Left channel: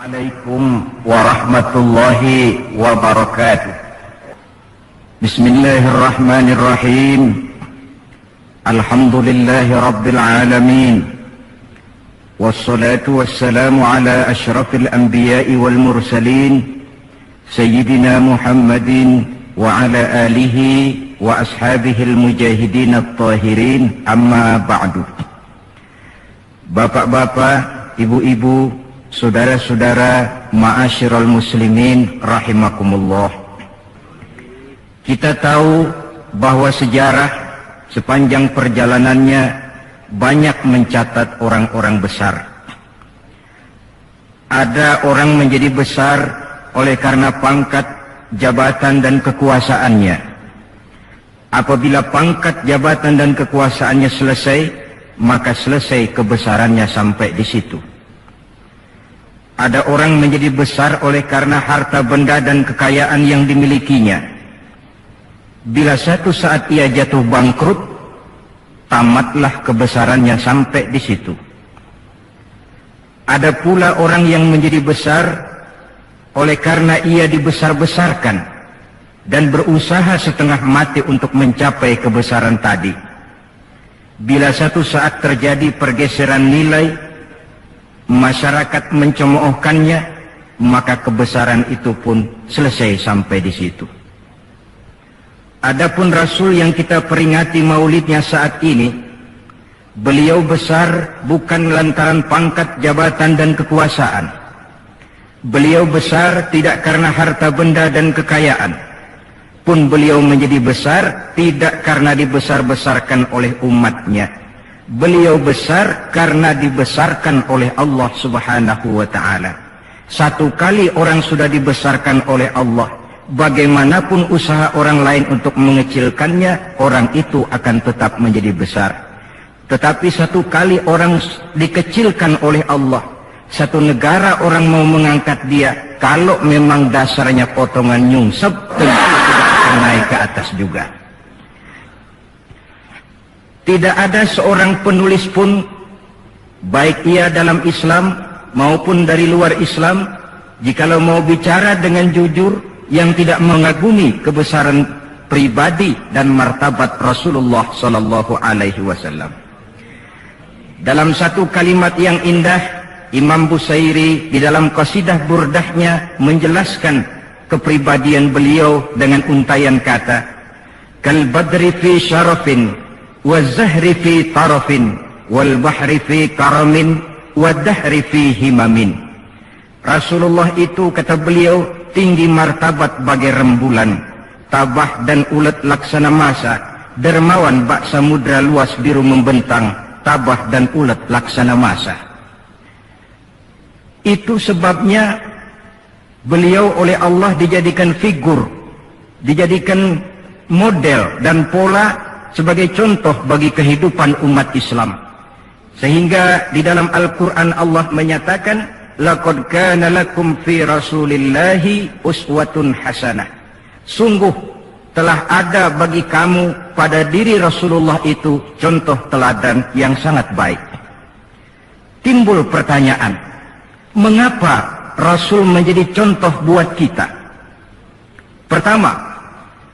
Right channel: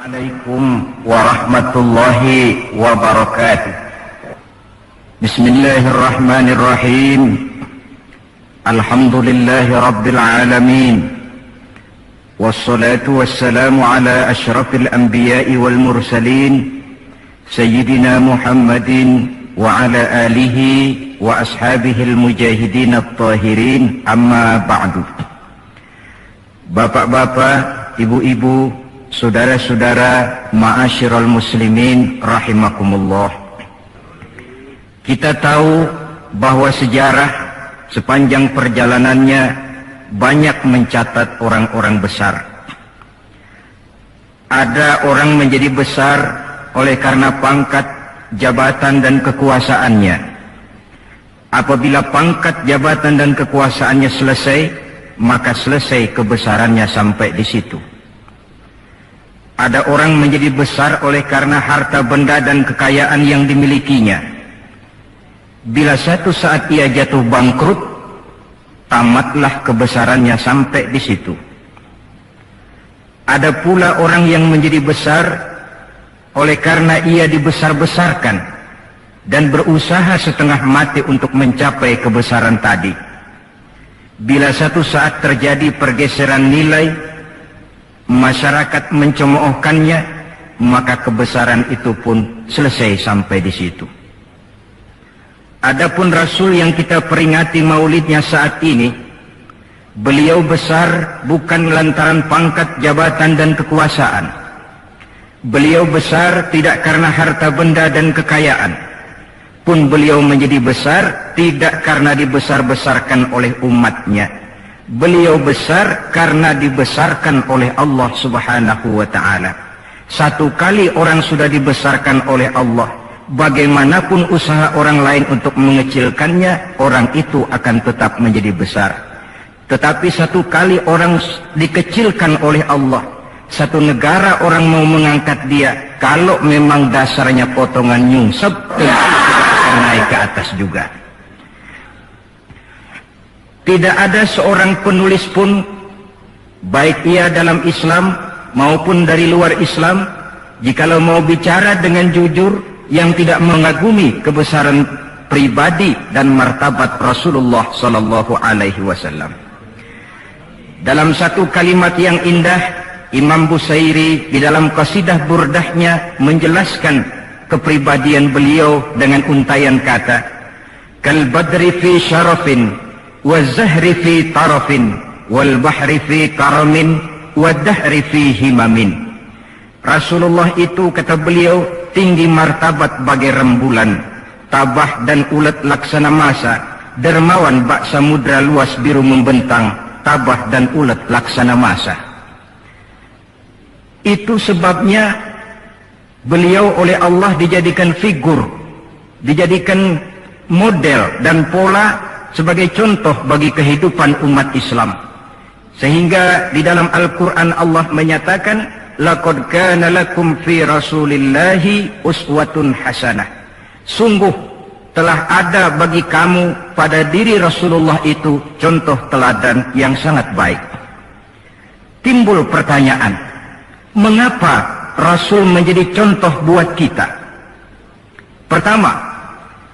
Assalamualaikum warahmatullahi wabarakatuh. Bismillahirrahmanirrahim. Alhamdulillahi rabbil alamin. Wassalatu wassalamu ala asyrafil anbiya'i wal mursalin Sayyidina Muhammadin wa ala alihi wa ashabihil mujahidin at-tahirin, amma ba'du. Bapak-bapak, ibu-ibu, saudara-saudara, ma'asyiral muslimin rahimakumullah. Kita tahu bahwa sejarah sepanjang perjalanannya banyak mencatat orang-orang besar. Ada orang menjadi besar oleh karena pangkat, jabatan dan kekuasaannya. Apabila pangkat, jabatan dan kekuasaannya selesai, maka selesai kebesarannya sampai di situ. Ada orang menjadi besar oleh karena harta benda dan kekayaan yang dimilikinya. Bila suatu saat ia jatuh bangkrut, tamatlah kebesarannya sampai di situ. Ada pula orang yang menjadi besar oleh karena ia dibesar-besarkan dan berusaha setengah mati untuk mencapai kebesaran tadi. Bila suatu saat terjadi pergeseran nilai, masyarakat mencemoohkannya, maka kebesaran itu pun selesai sampai di situ. Adapun Rasul yang kita peringati maulidnya saat ini, beliau besar bukan lantaran pangkat, jabatan dan kekuasaan. Beliau besar tidak karena harta benda dan kekayaan. Pun beliau menjadi besar tidak karena dibesar-besarkan oleh umatnya. Beliau besar karena dibesarkan oleh Allah Subhanahu wa ta'ala. Satu kali orang sudah dibesarkan oleh Allah, bagaimanapun usaha orang lain untuk mengecilkannya, orang itu akan tetap menjadi besar. Tetapi satu kali orang dikecilkan oleh Allah, satu negara orang mau mengangkat dia, kalau memang dasarnya potongan nyungsep, tentu tidak akan naik ke atas juga. Tidak ada seorang penulis pun, baik ia dalam Islam maupun dari luar Islam, jikalau mau bicara dengan jujur, yang tidak mengagumi kebesaran pribadi dan martabat Rasulullah sallallahu alaihi wasallam. Dalam satu kalimat yang indah, Imam Busairi di dalam qasidah burdahnya menjelaskan kepribadian beliau dengan untayan kata, kal badri fi syarafin wa zahri fi tarafin wal bahri fi karamin wa dahri fi himamin. Rasulullah itu, kata beliau, tinggi martabat bagai rembulan, tabah dan ulet laksana masa, dermawan bak samudra luas biru membentang, tabah dan ulet laksana masa. Itu sebabnya beliau oleh Allah dijadikan figur, dijadikan model dan pola sebagai contoh bagi kehidupan umat Islam. Sehingga di dalam Al-Quran Allah menyatakan, laqad kana lakum fi rasulillahi uswatun hasanah. Sungguh telah ada bagi kamu pada diri Rasulullah itu contoh teladan yang sangat baik. Timbul pertanyaan, mengapa Rasul menjadi contoh buat kita? Pertama,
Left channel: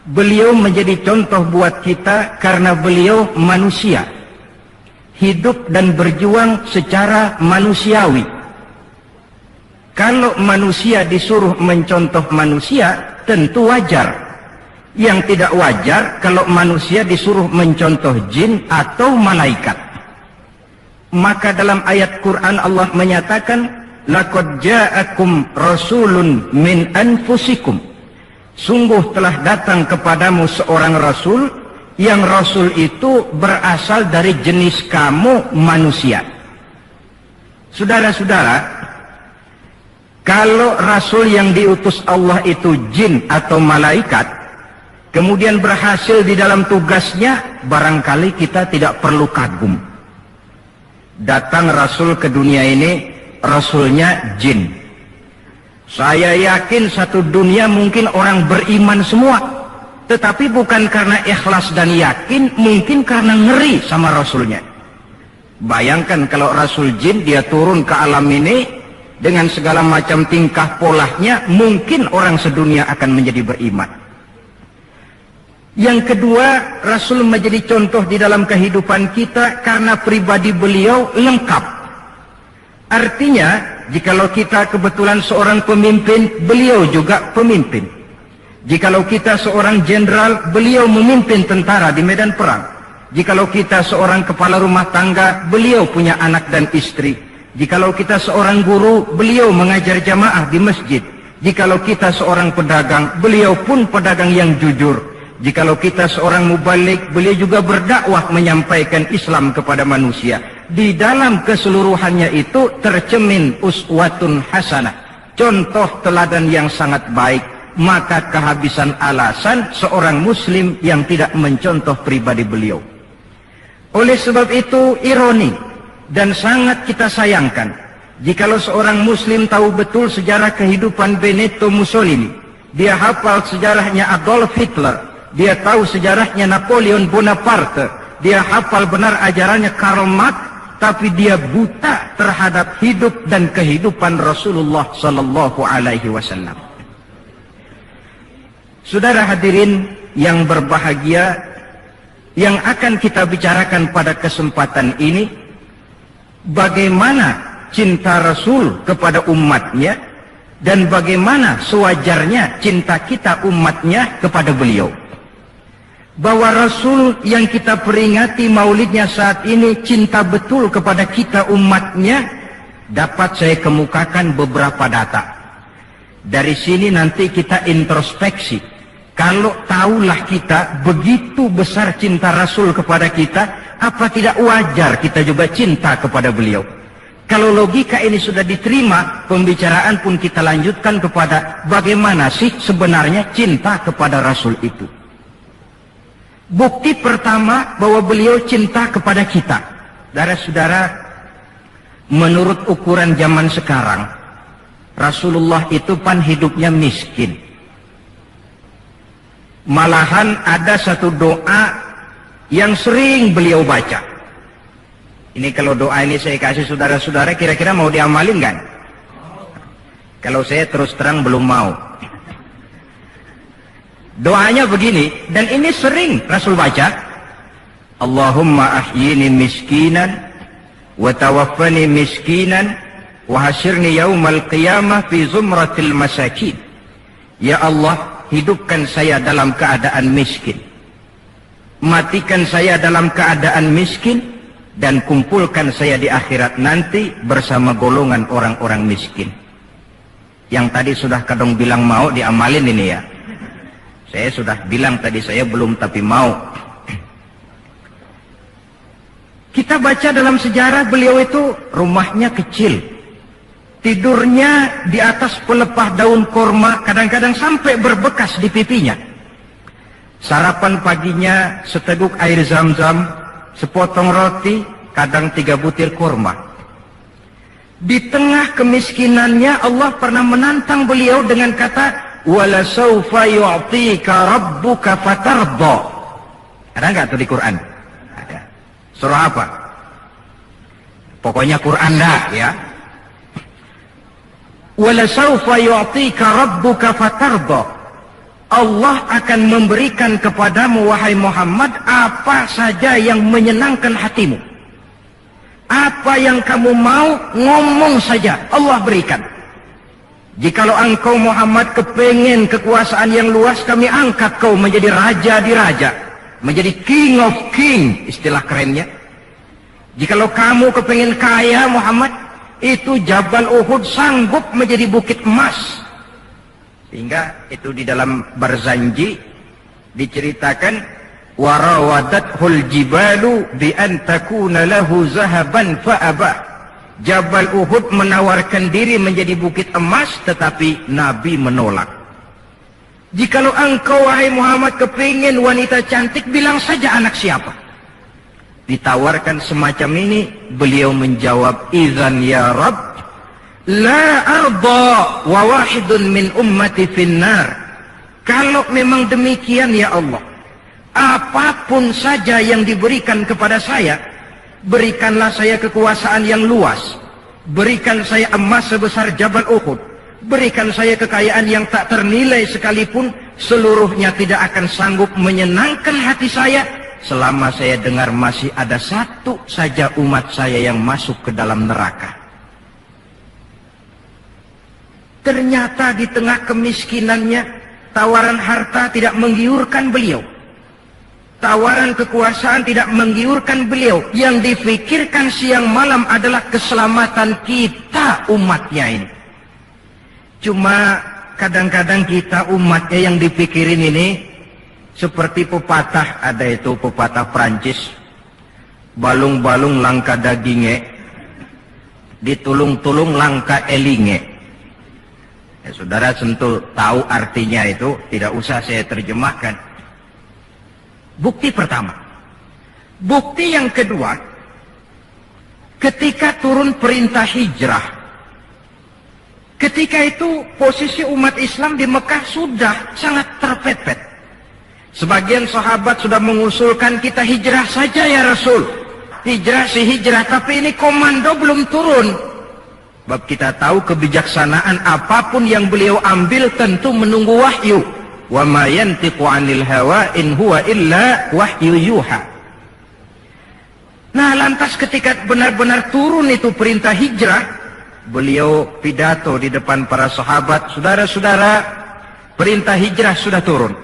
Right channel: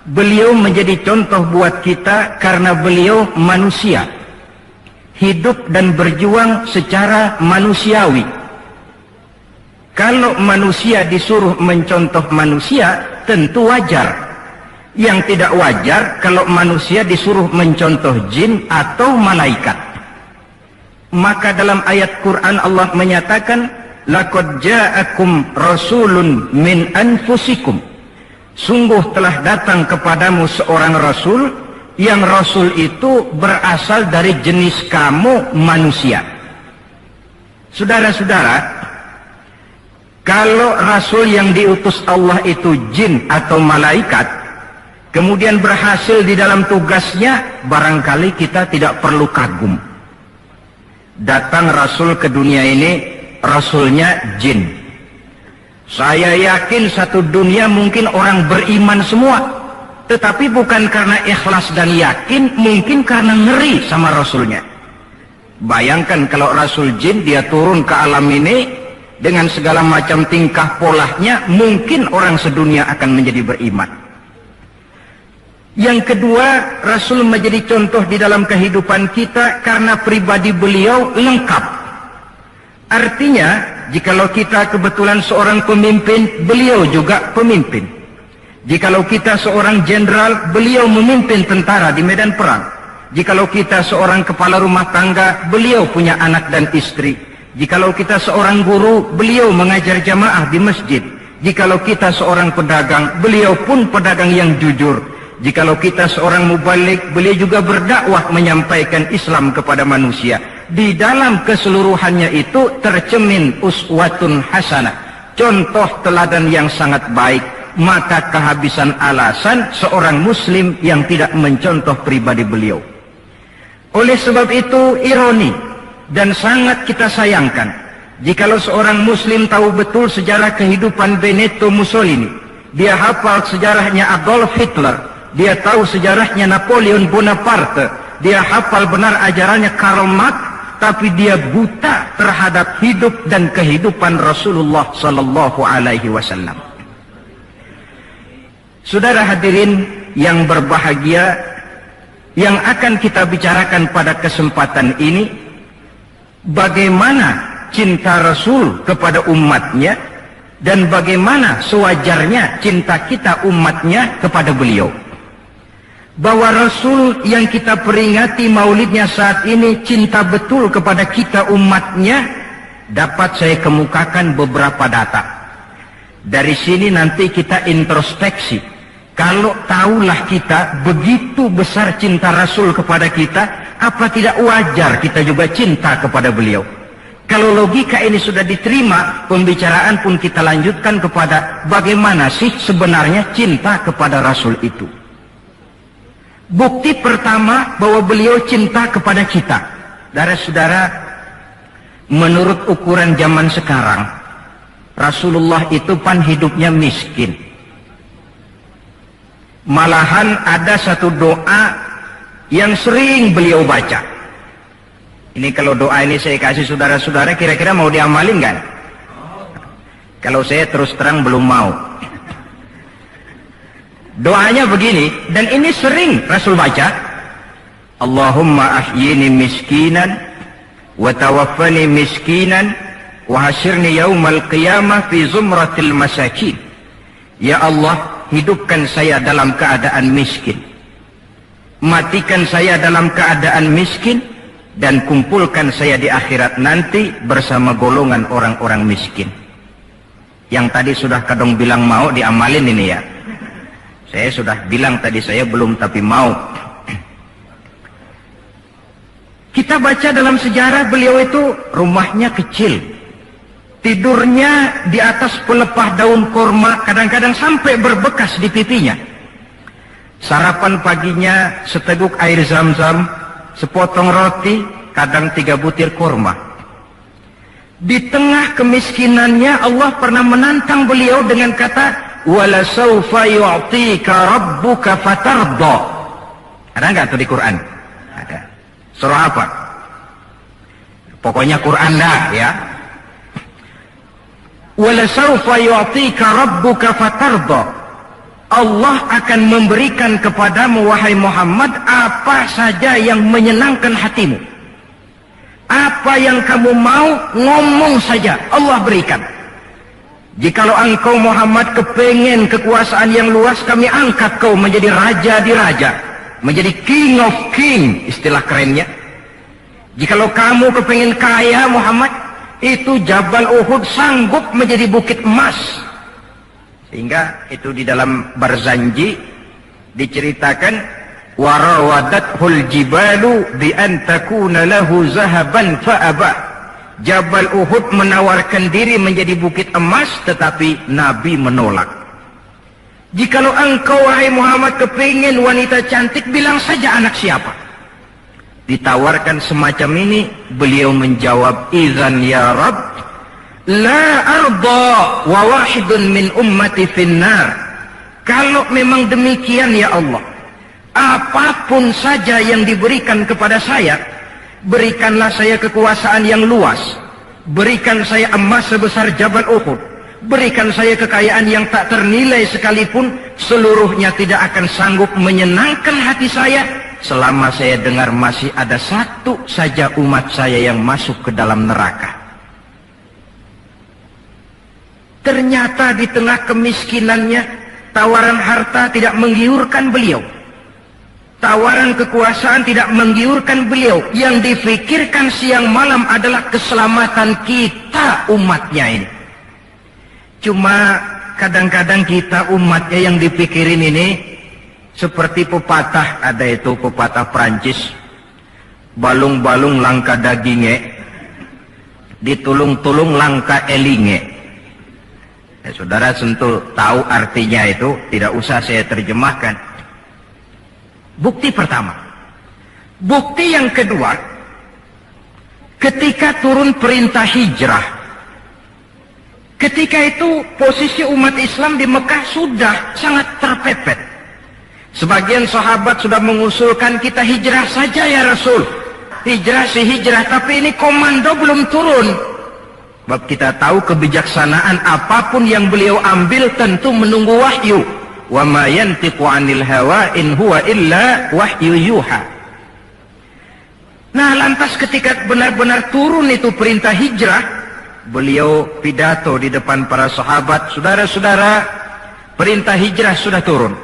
beliau menjadi contoh buat kita karena beliau manusia, hidup dan berjuang secara manusiawi. Kalau manusia disuruh mencontoh manusia, tentu wajar. Yang tidak wajar kalau manusia disuruh mencontoh jin atau malaikat. Maka dalam ayat Quran Allah menyatakan, laqad ja'akum rasulun min anfusikum. Sungguh telah datang kepadamu seorang rasul, yang rasul itu berasal dari jenis kamu manusia. Saudara-saudara, kalau rasul yang diutus Allah itu jin atau malaikat, kemudian berhasil di dalam tugasnya, barangkali kita tidak perlu kagum. Datang rasul ke dunia ini, rasulnya jin. Saya yakin satu dunia mungkin orang beriman semua, tetapi bukan karena ikhlas dan yakin, mungkin karena ngeri sama rasulnya. Bayangkan kalau rasul jin dia turun ke alam ini, dengan segala macam tingkah polanya, mungkin orang sedunia akan menjadi beriman. Yang kedua, Rasul menjadi contoh di dalam kehidupan kita karena pribadi beliau lengkap. Artinya, jikalau kita kebetulan seorang pemimpin, beliau juga pemimpin. Jikalau kita seorang jenderal, beliau memimpin tentara di medan perang. Jikalau kita seorang kepala rumah tangga, beliau punya anak dan istri. Jikalau kita seorang guru, beliau mengajar jamaah di masjid. Jikalau kita seorang pedagang, beliau pun pedagang yang jujur. Jikalau kita seorang mubalik, beliau juga berdakwah menyampaikan Islam kepada manusia. Di dalam keseluruhannya itu tercemin uswatun hasanah, contoh teladan yang sangat baik. Maka kehabisan alasan seorang muslim yang tidak mencontoh pribadi beliau. Oleh sebab itu ironi dan sangat kita sayangkan jikalau seorang muslim tahu betul sejarah kehidupan Benito Mussolini, dia hafal sejarahnya Adolf Hitler, dia tahu sejarahnya Napoleon Bonaparte, dia hafal benar ajarannya Karl Marx, tapi dia buta terhadap hidup dan kehidupan Rasulullah sallallahu alaihi wasallam. Saudara hadirin yang berbahagia, yang akan kita bicarakan pada kesempatan ini, bagaimana cinta Rasul kepada umatnya dan bagaimana sewajarnya cinta kita umatnya kepada beliau. Bahwa Rasul yang kita peringati maulidnya saat ini cinta betul kepada kita umatnya, dapat saya kemukakan beberapa data. Dari sini nanti kita introspeksi. Kalau tahulah kita begitu besar cinta Rasul kepada kita, apa tidak wajar kita juga cinta kepada beliau? Kalau logika ini sudah diterima, pembicaraan pun kita lanjutkan kepada bagaimana sih sebenarnya cinta kepada Rasul itu. Bukti pertama bahwa beliau cinta kepada kita. Saudara-saudara, menurut ukuran zaman sekarang, Rasulullah itu pan hidupnya miskin. Malahan ada satu doa yang sering beliau baca. Ini kalau doa ini saya kasih saudara-saudara, kira-kira mau diamalin kan? Kalau saya terus terang belum mau. Doanya begini, dan ini sering Rasul baca. Allahumma ahyini miskinan, wa tawaffani miskinan, wa hasyirni yaumal qiyamah fi zumratil masakin. Ya Allah, hidupkan saya dalam keadaan miskin, matikan saya dalam keadaan miskin, dan kumpulkan saya di akhirat nanti bersama golongan orang-orang miskin. Yang tadi sudah kadang bilang mau diamalin ini ya. Saya sudah bilang tadi saya belum tapi mau. Kita baca dalam sejarah beliau itu rumahnya kecil, tidurnya di atas pelepah daun korma, kadang-kadang sampai berbekas di pipinya. Sarapan paginya seteguk air zam-zam, sepotong roti, kadang 3 butir korma. Di tengah kemiskinannya Allah pernah menantang beliau dengan kata, "Wala sawfa yu'tika rabbuka fatarda." Ada nggak tuh di Quran? Ada. Surah apa? Pokoknya Quran dah ya. Wala sawfa yu'tika rabbuka fatarda. Allah akan memberikan kepadamu wahai Muhammad apa saja yang menyenangkan hatimu. Apa yang kamu mau, ngomong saja, Allah berikan. Jikalau engkau Muhammad kepengen kekuasaan yang luas, kami angkat kau menjadi raja di raja, menjadi king of king, istilah kerennya. Jikalau kamu kepengen kaya Muhammad, itu Jabal Uhud sanggup menjadi bukit emas. Sehingga itu di dalam Barzanji diceritakan, warawadathul jibalu bi an takuna lahu zahaban fa'aba. Jabal Uhud menawarkan diri menjadi bukit emas, tetapi Nabi menolak. Jikalau engkau wahai Muhammad kepingin wanita cantik, bilang saja anak siapa. Ditawarkan semacam ini, beliau menjawab, idzan ya Rabb, la arda wa wahidun min ummati finnar. Kalau memang demikian ya Allah, apapun saja yang diberikan kepada saya, berikanlah saya kekuasaan yang luas, berikan saya emas sebesar Jabal Uhud, berikan saya kekayaan yang tak ternilai sekalipun, seluruhnya tidak akan sanggup menyenangkan hati saya selama saya dengar masih ada satu saja umat saya yang masuk ke dalam neraka. Ternyata di tengah kemiskinannya, tawaran harta tidak menggiurkan beliau. Tawaran kekuasaan tidak menggiurkan beliau. Yang difikirkan siang malam adalah keselamatan kita umatnya ini. Cuma kadang-kadang kita umatnya yang dipikirin ini seperti pepatah, ada itu pepatah Prancis, balung-balung langka dagingnya, ditulung-tulung langka elinge. Saudara tentu tahu artinya itu, tidak usah saya terjemahkan. Bukti pertama. Bukti yang kedua, ketika turun perintah hijrah, ketika itu posisi umat Islam di Mekah sudah sangat terpepet. Sebagian sahabat sudah mengusulkan kita hijrah saja ya Rasul. Hijrah sih hijrah, tapi ini komando belum turun. Sebab kita tahu kebijaksanaan apapun yang beliau ambil tentu menunggu wahyu. Wa ma yantiqu 'anil hawa in huwa illa wahyu yuha. Nah, lantas ketika benar-benar turun itu perintah hijrah, beliau pidato di depan para sahabat, saudara-saudara, perintah hijrah sudah turun.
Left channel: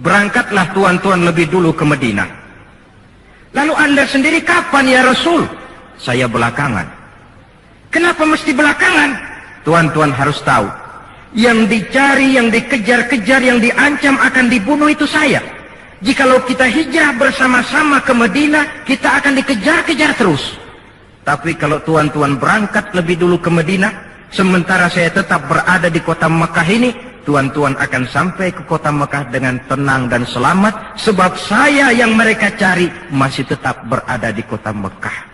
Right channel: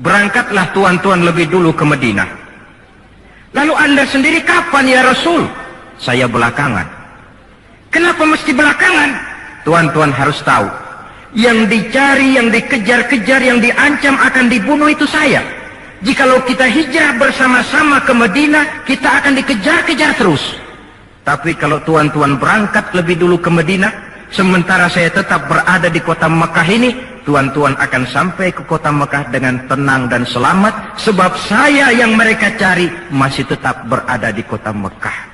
Berangkatlah tuan-tuan lebih dulu ke Madinah. Lalu Anda sendiri kapan ya Rasul? Saya belakangan. Kenapa mesti belakangan? Tuan-tuan harus tahu, yang dicari, yang dikejar-kejar, yang diancam akan dibunuh itu saya. Jikalau kita hijrah bersama-sama ke Madinah, kita akan dikejar-kejar terus. Tapi kalau tuan-tuan berangkat lebih dulu ke Madinah, sementara saya tetap berada di kota Mekah ini, tuan-tuan akan sampai ke kota Mekah dengan tenang dan selamat, sebab saya yang mereka cari masih tetap berada di kota Mekah.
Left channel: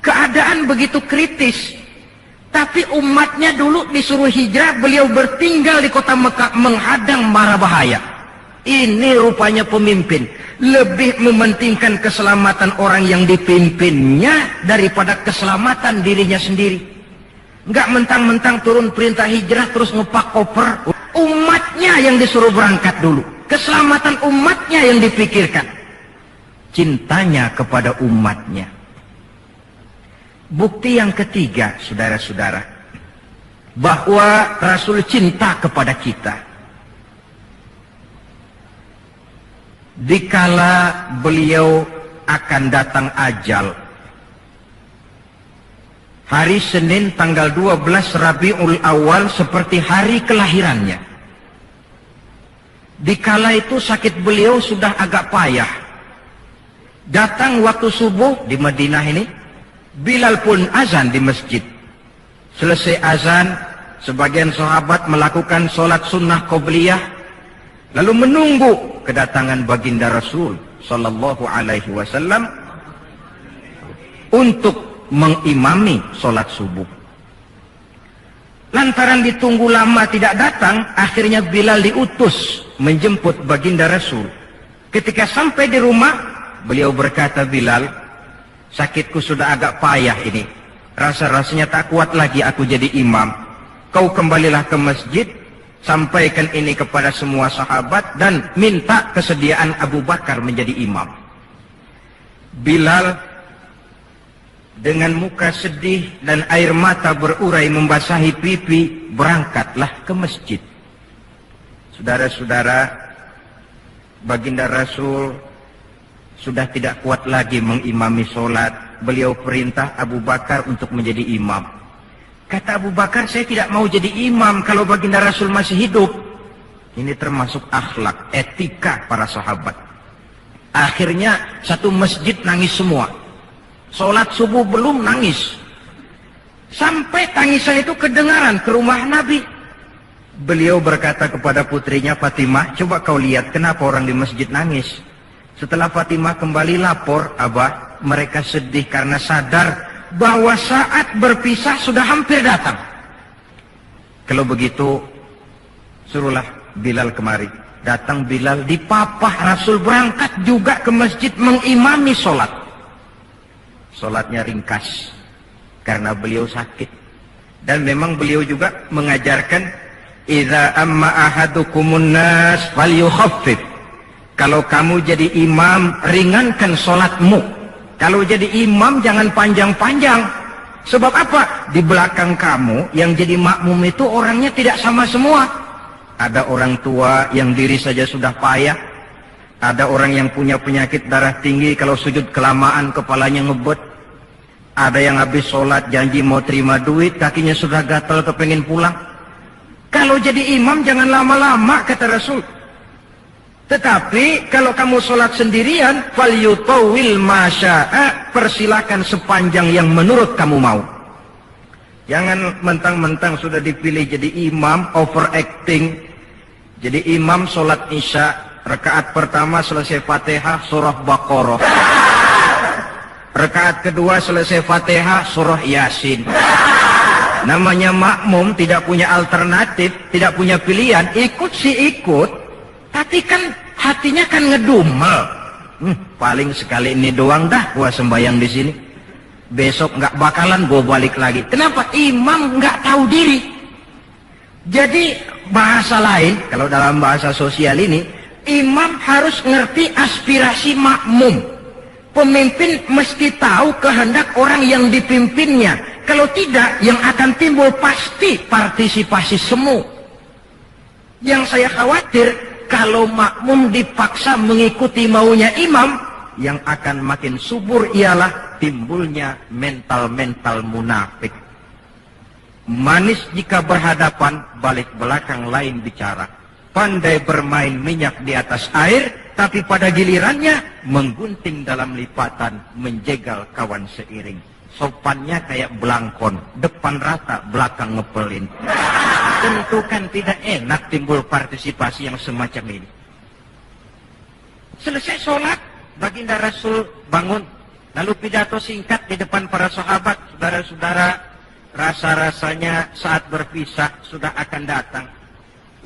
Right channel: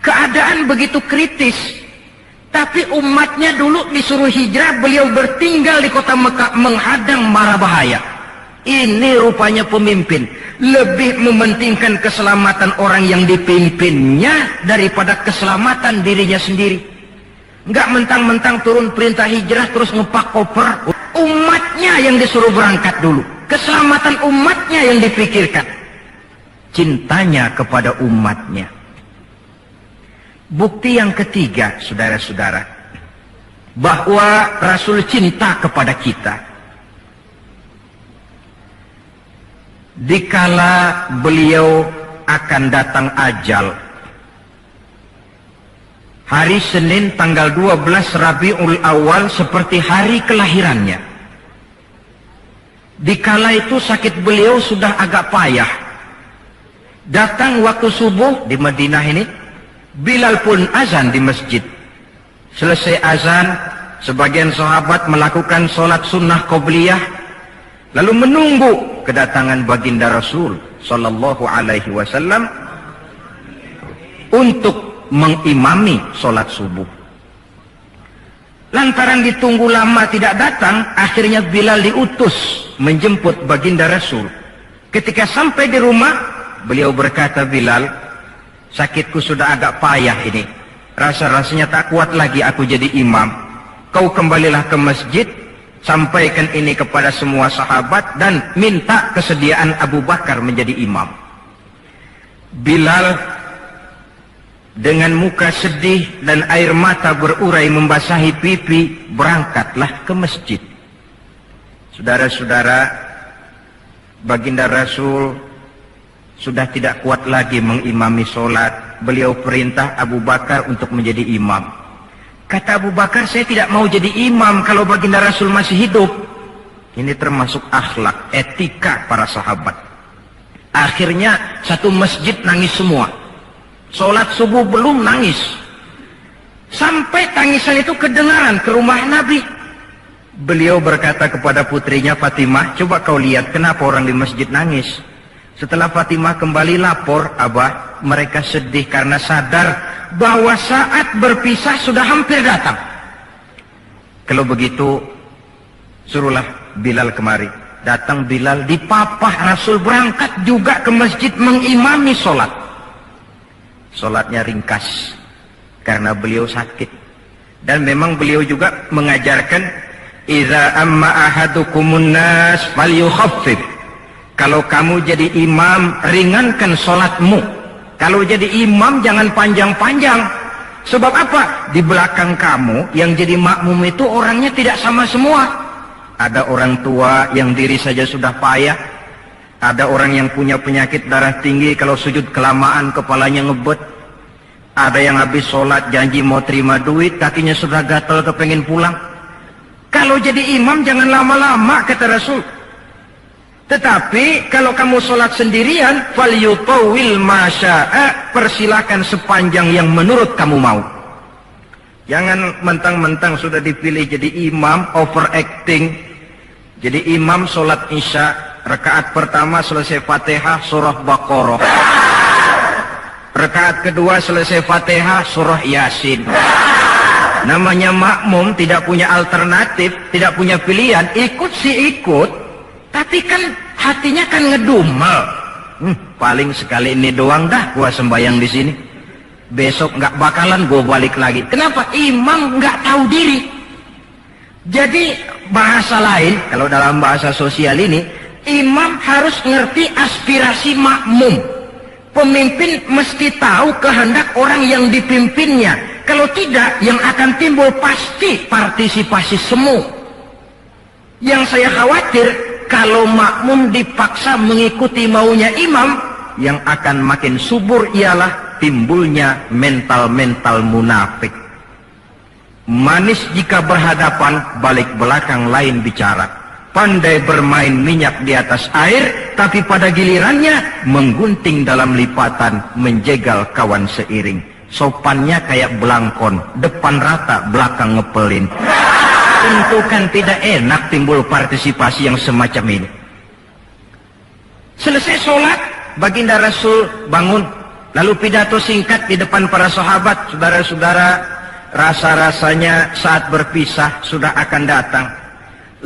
Keadaan begitu kritis, tapi umatnya dulu disuruh hijrah, beliau bertinggal di kota Mekah menghadang mara bahaya. Ini rupanya pemimpin lebih mementingkan keselamatan orang yang dipimpinnya daripada keselamatan dirinya sendiri. Enggak mentang-mentang turun perintah hijrah terus ngepak koper. Umatnya yang disuruh berangkat dulu, keselamatan umatnya yang dipikirkan, cintanya kepada umatnya. Bukti yang ketiga, saudara-saudara, bahwa Rasul cinta kepada kita. Dikala beliau akan datang ajal, hari Senin tanggal 12 Rabiul Awal seperti hari kelahirannya. Dikala itu sakit beliau sudah agak payah. Datang waktu subuh di Madinah ini, Bilal pun azan di masjid. Selesai azan, sebagian sahabat melakukan sholat sunnah qobliyah, lalu menunggu kedatangan baginda Rasul sallallahu alaihi wasallam untuk mengimami sholat subuh. Lantaran ditunggu lama tidak datang, akhirnya Bilal diutus menjemput baginda Rasul. Ketika sampai di rumah, beliau berkata, Bilal, sakitku sudah agak payah ini. Rasa-rasanya tak kuat lagi aku jadi imam. Kau kembalilah ke masjid, sampaikan ini kepada semua sahabat dan minta kesediaan Abu Bakar menjadi imam. Bilal dengan muka sedih dan air mata berurai membasahi pipi, berangkatlah ke masjid. Saudara-saudara, baginda Rasul sudah tidak kuat lagi mengimami sholat. Beliau perintah Abu Bakar untuk menjadi imam. Kata Abu Bakar, saya tidak mau jadi imam kalau baginda Rasul masih hidup. Ini termasuk akhlak, etika para sahabat. Akhirnya satu masjid nangis semua. Sholat subuh belum nangis. Sampai tangisan itu kedengaran ke rumah Nabi. Beliau berkata kepada putrinya Fatimah, coba kau lihat kenapa orang di masjid nangis. Setelah Fatimah kembali lapor, Abah, mereka sedih karena sadar bahwa saat berpisah sudah hampir datang. Kalau begitu, suruhlah Bilal kemari. Datang Bilal, dipapah Rasul berangkat juga ke masjid mengimami sholat. Sholatnya ringkas. karena beliau sakit. Dan memang beliau juga mengajarkan, idza amma ahadukumun nas falyukhaffif. Kalau kamu jadi imam, ringankan sholatmu. Kalau jadi imam jangan panjang-panjang. Sebab apa? Di belakang kamu yang jadi makmum itu orangnya tidak sama semua. Ada orang tua yang diri saja sudah payah. Ada orang yang punya penyakit darah tinggi, kalau sujud kelamaan kepalanya ngebet. Ada yang habis sholat janji mau terima duit, kakinya sudah gatal kepengen pulang. Kalau jadi imam jangan lama-lama, kata Rasul. Tetapi kalau kamu sholat sendirian, falyutawil masya'a, persilakan sepanjang yang menurut kamu mau. Jangan mentang-mentang sudah dipilih jadi imam, overacting. Jadi imam sholat isya, rakaat pertama selesai Fatihah, surah Baqarah. Rakaat kedua selesai Fatihah, surah Yasin. Namanya makmum, tidak punya alternatif, tidak punya pilihan, ikut sih ikut. Tapi kan hatinya kan ngedumel. Paling sekali ini doang dah gua sembahyang di sini. Besok nggak bakalan gua balik lagi. Kenapa? Imam nggak tahu diri. Jadi bahasa lain, kalau dalam bahasa sosial ini, imam harus ngerti aspirasi makmum. Pemimpin mesti tahu kehendak orang yang dipimpinnya. Kalau tidak, yang akan timbul pasti partisipasi semu. Yang saya khawatir, kalau makmum dipaksa mengikuti maunya imam, yang akan makin subur ialah timbulnya mental-mental munafik. Manis jika berhadapan, balik belakang lain bicara. Pandai bermain minyak di atas air, tapi pada gilirannya menggunting dalam lipatan, menjegal kawan seiring. Sopannya kayak belangkon, depan rata, belakang ngepelin. Tentu kan tidak enak timbul partisipasi yang semacam ini. Selesai sholat, baginda Rasul bangun, lalu pidato singkat di depan para sahabat. Saudara-saudara, rasa-rasanya saat berpisah sudah akan datang.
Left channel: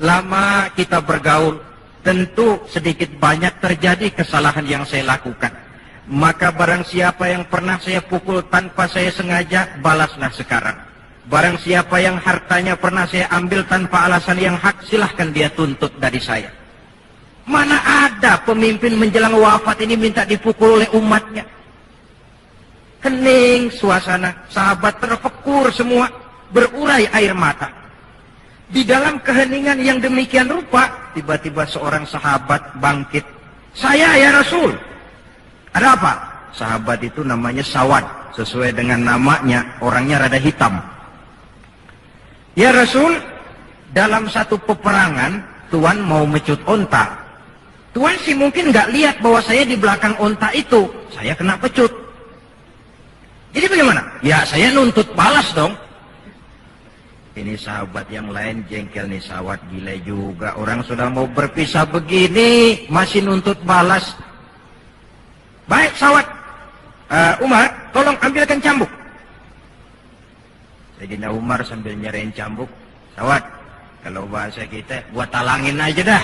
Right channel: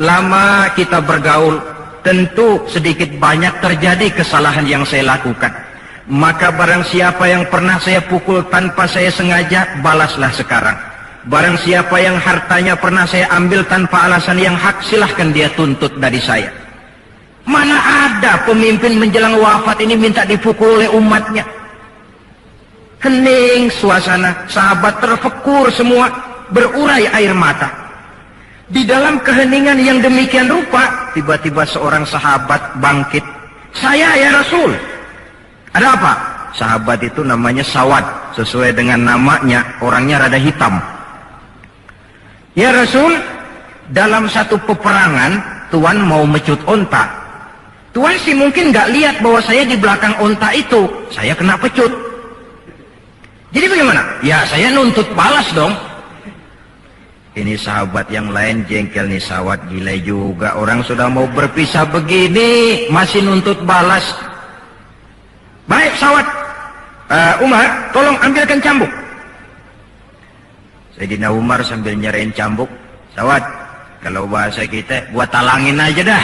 Lama kita bergaul, tentu sedikit banyak terjadi kesalahan yang saya lakukan. Maka barang siapa yang pernah saya pukul tanpa saya sengaja, balaslah sekarang. Barang siapa yang hartanya pernah saya ambil tanpa alasan yang hak, silahkan dia tuntut dari saya. Mana ada pemimpin menjelang wafat ini minta dipukul oleh umatnya. Hening suasana, sahabat terfekur semua, berurai air mata. Di dalam keheningan yang demikian rupa, tiba-tiba seorang sahabat bangkit. Saya ya Rasul. Ada apa? Sahabat itu namanya Sawad, sesuai dengan namanya, orangnya rada hitam. Ya Rasul, dalam satu peperangan, Tuan mau mecut onta. Tuan sih mungkin nggak lihat bahwa saya di belakang onta itu, saya kena pecut. Jadi bagaimana? Ya saya nuntut balas dong. Ini sahabat yang lain jengkel nih, Sawad gila juga. Orang sudah mau berpisah begini, masih nuntut balas. Baik Sawad, Umar, tolong ambilkan cambuk. Sayyidina Umar sambil nyerahin cambuk, Sawad, kalau bahasa kita, gua talangin aja dah.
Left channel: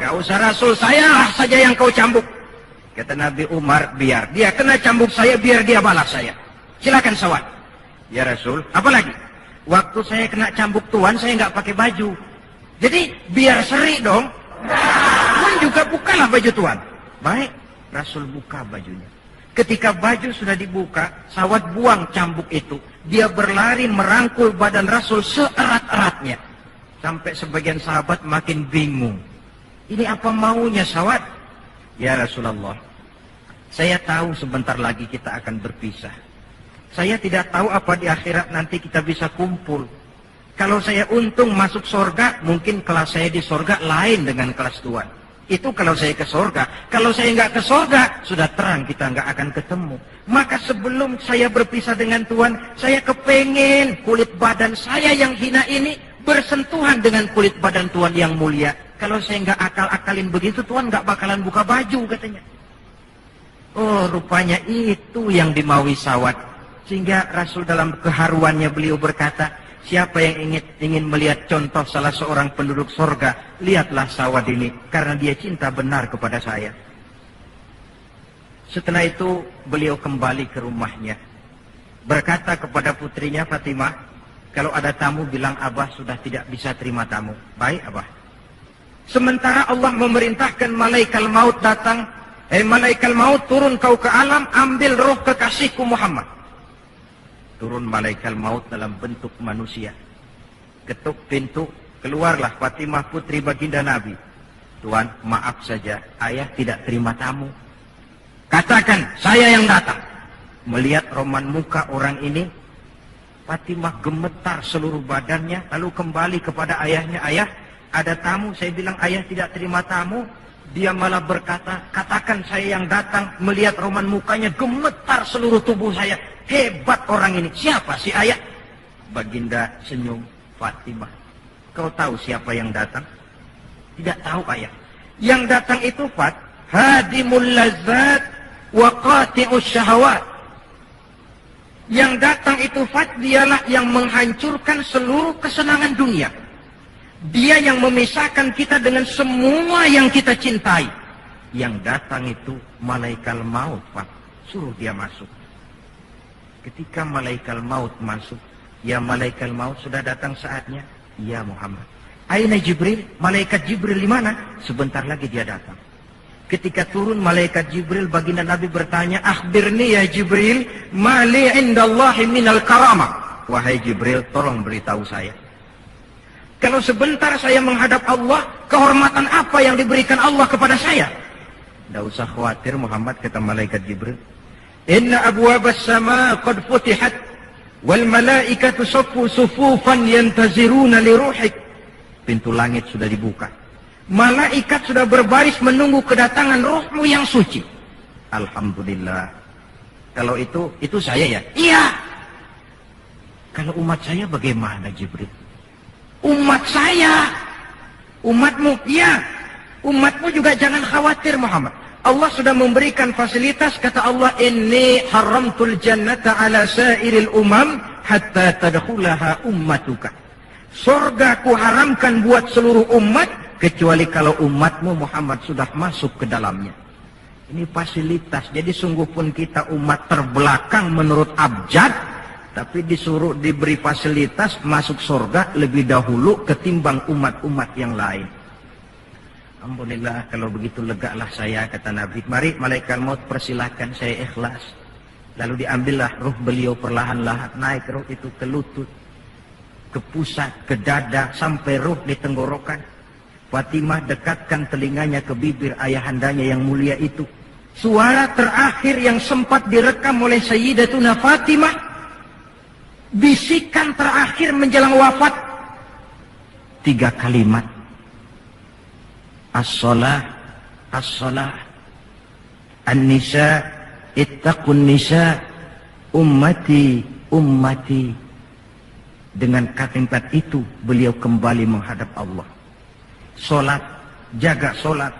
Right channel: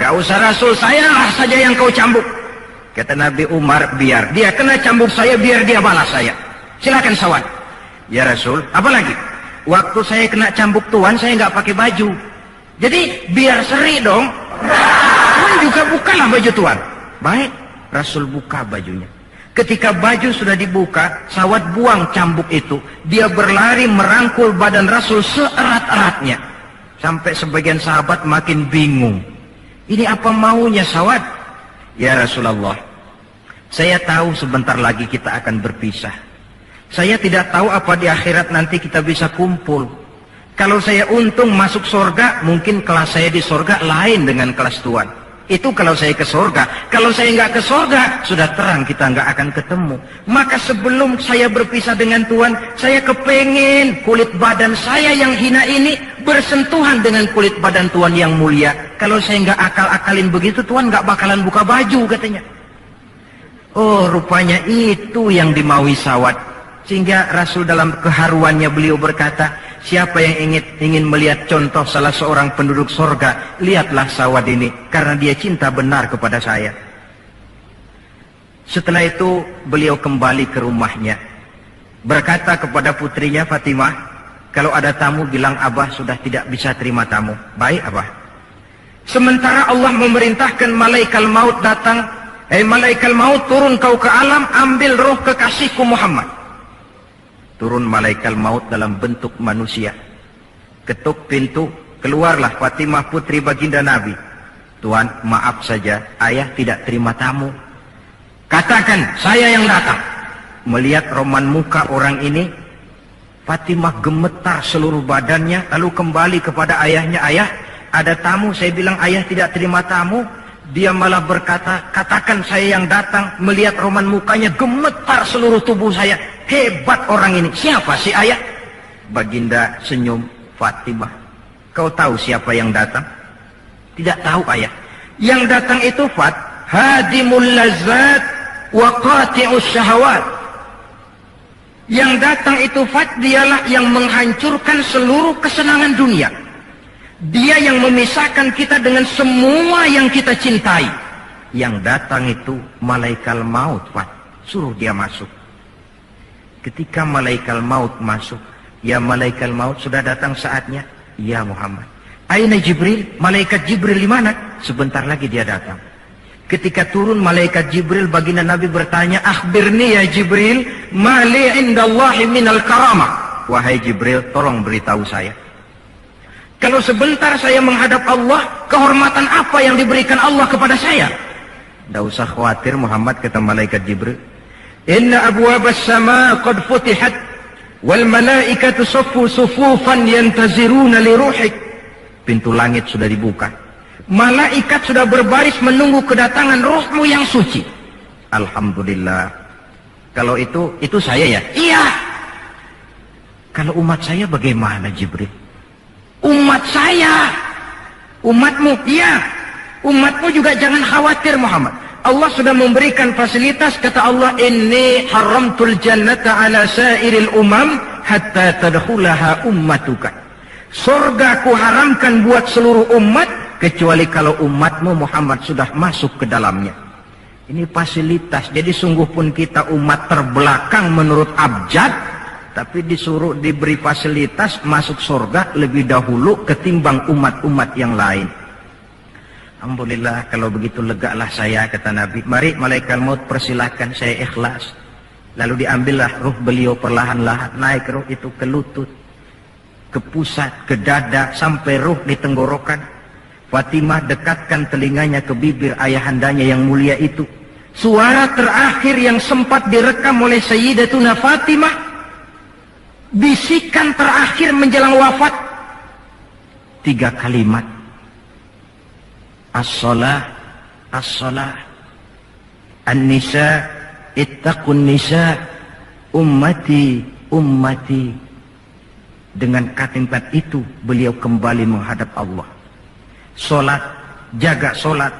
Gak usah Rasul, saya saja yang kau cambuk. Kata Nabi Umar, biar dia kena cambuk saya, biar dia balas saya. Silakan Sawad. Ya Rasul, apa lagi? Waktu saya kena cambuk Tuan, saya nggak pakai baju. Jadi biar seri dong. Tuan juga bukalah baju Tuan. Baik, Rasul buka bajunya. Ketika baju sudah dibuka, Sawad buang cambuk itu. Dia berlari merangkul badan Rasul seerat-eratnya. Sampai sebagian sahabat makin bingung. Ini apa maunya Sawad? Ya Rasulullah, saya tahu sebentar lagi kita akan berpisah. Saya tidak tahu apa di akhirat nanti kita bisa kumpul. Kalau saya untung masuk surga, mungkin kelas saya di surga lain dengan kelas Tuan. Itu kalau saya ke surga. Kalau saya nggak ke surga, sudah terang kita nggak akan ketemu. Maka sebelum saya berpisah dengan Tuan, saya kepengen kulit badan saya yang hina ini bersentuhan dengan kulit badan Tuan yang mulia. Kalau saya nggak akal-akalin begitu, Tuan nggak bakalan buka baju katanya. Oh, rupanya itu yang dimaui Sawad. Sehingga Rasul dalam keharuannya beliau berkata, siapa yang ingin melihat contoh salah seorang penduduk sorga, lihatlah Sawad ini, karena dia cinta benar kepada saya. Setelah itu beliau kembali ke rumahnya. berkata kepada putrinya Fatimah, kalau ada tamu bilang Abah sudah tidak bisa terima tamu. Baik Abah. Sementara Allah memerintahkan malaikat maut datang, malaikat maut turun kau ke alam, ambil roh kekasihku Muhammad. Turun malaikat maut dalam bentuk manusia. Ketuk pintu, keluarlah Fatimah putri baginda Nabi. Tuan, maaf saja, ayah tidak terima tamu. Katakan, saya yang datang. Melihat roman muka orang ini, Fatimah gemetar seluruh badannya, lalu kembali kepada ayahnya, ayah, ada tamu. Saya bilang ayah tidak terima tamu. Dia malah berkata, katakan saya yang datang. Melihat roman mukanya, gemetar seluruh tubuh saya. Hebat orang ini. Siapa sih ayah? Baginda senyum. Fatimah, kau tahu siapa yang datang? Tidak tahu ayah. Yang datang itu hadimul lazat wa qati'us syahawat. Yang datang itu dialah yang menghancurkan seluruh kesenangan dunia. Dia yang memisahkan kita dengan semua yang kita cintai. Yang datang itu malaikat maut, suruh dia masuk. Ketika malaikat maut masuk, ya malaikat maut sudah datang saatnya. Ya Muhammad. Aina Jibril? Malaikat Jibril di mana? Sebentar lagi dia datang. Ketika turun malaikat Jibril, baginda Nabi bertanya, akhbirni ya Jibril, ma li indallahi minal karamah. Wahai Jibril, tolong beritahu saya. Kalau sebentar saya menghadap Allah, kehormatan apa yang diberikan Allah kepada saya? Tidak usah khawatir Muhammad, kata malaikat Jibril. Inna abwabas sama qad futihat, wal malaikatu saffu sufufan yantaziruna li ruhik. Pintu langit sudah dibuka. Malaikat sudah berbaris menunggu kedatangan rohmu yang suci. Alhamdulillah. Kalau itu saya ya? Iya. Kalau umat saya bagaimana Jibril? Umat saya. Umatmu? Iya. Umatmu juga jangan khawatir Muhammad. Allah sudah memberikan fasilitas, kata Allah, inni haramtul jannata ala sairil umam hatta tadkhulaha ummatuka. Surga ku haramkan buat seluruh umat, kecuali kalau umatmu Muhammad sudah masuk ke dalamnya. Ini fasilitas. Jadi sungguh pun kita umat terbelakang menurut abjad, tapi disuruh diberi fasilitas masuk surga lebih dahulu ketimbang umat-umat yang lain. Alhamdulillah, kalau begitu legalah saya, kata Nabi. Mari malaikat maut persilahkan, saya ikhlas. Lalu diambillah ruh beliau perlahan-lahan, naik ruh itu ke lutut, ke pusat, ke dada, sampai ruh di tenggorokan. Fatimah dekatkan telinganya ke bibir ayahandanya yang mulia itu. Suara terakhir yang sempat direkam oleh Sayyidatuna Fatimah, bisikan terakhir menjelang wafat, 3 kalimat. As-salah, as-salah. An-nisa, ittaqun nisa, ummati, ummati. Dengan kalimat itu beliau kembali menghadap Allah. Solat, jaga solat.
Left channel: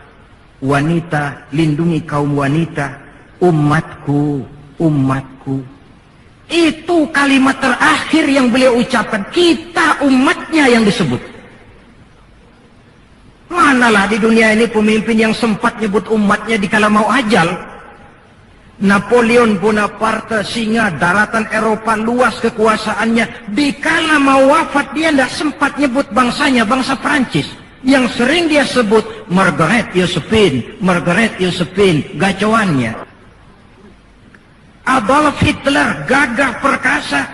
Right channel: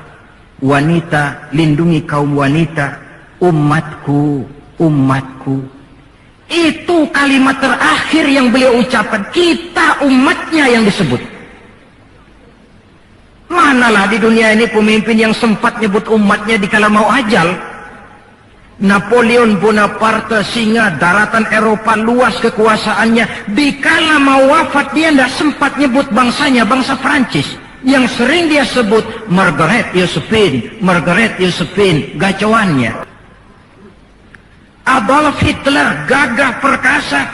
Wanita, lindungi kaum wanita. Umatku, umatku. Itu kalimat terakhir yang beliau ucapkan. Kita umatnya yang disebut. Manalah di dunia ini pemimpin yang sempat nyebut umatnya dikala mau ajal. Napoleon Bonaparte, singa daratan Eropa, luas kekuasaannya. Dikala mau wafat dia tidak sempat nyebut bangsanya, bangsa Prancis. Yang sering dia sebut Margaret Josephine, Margaret Josephine, gacoannya. Adolf Hitler, gagah perkasa.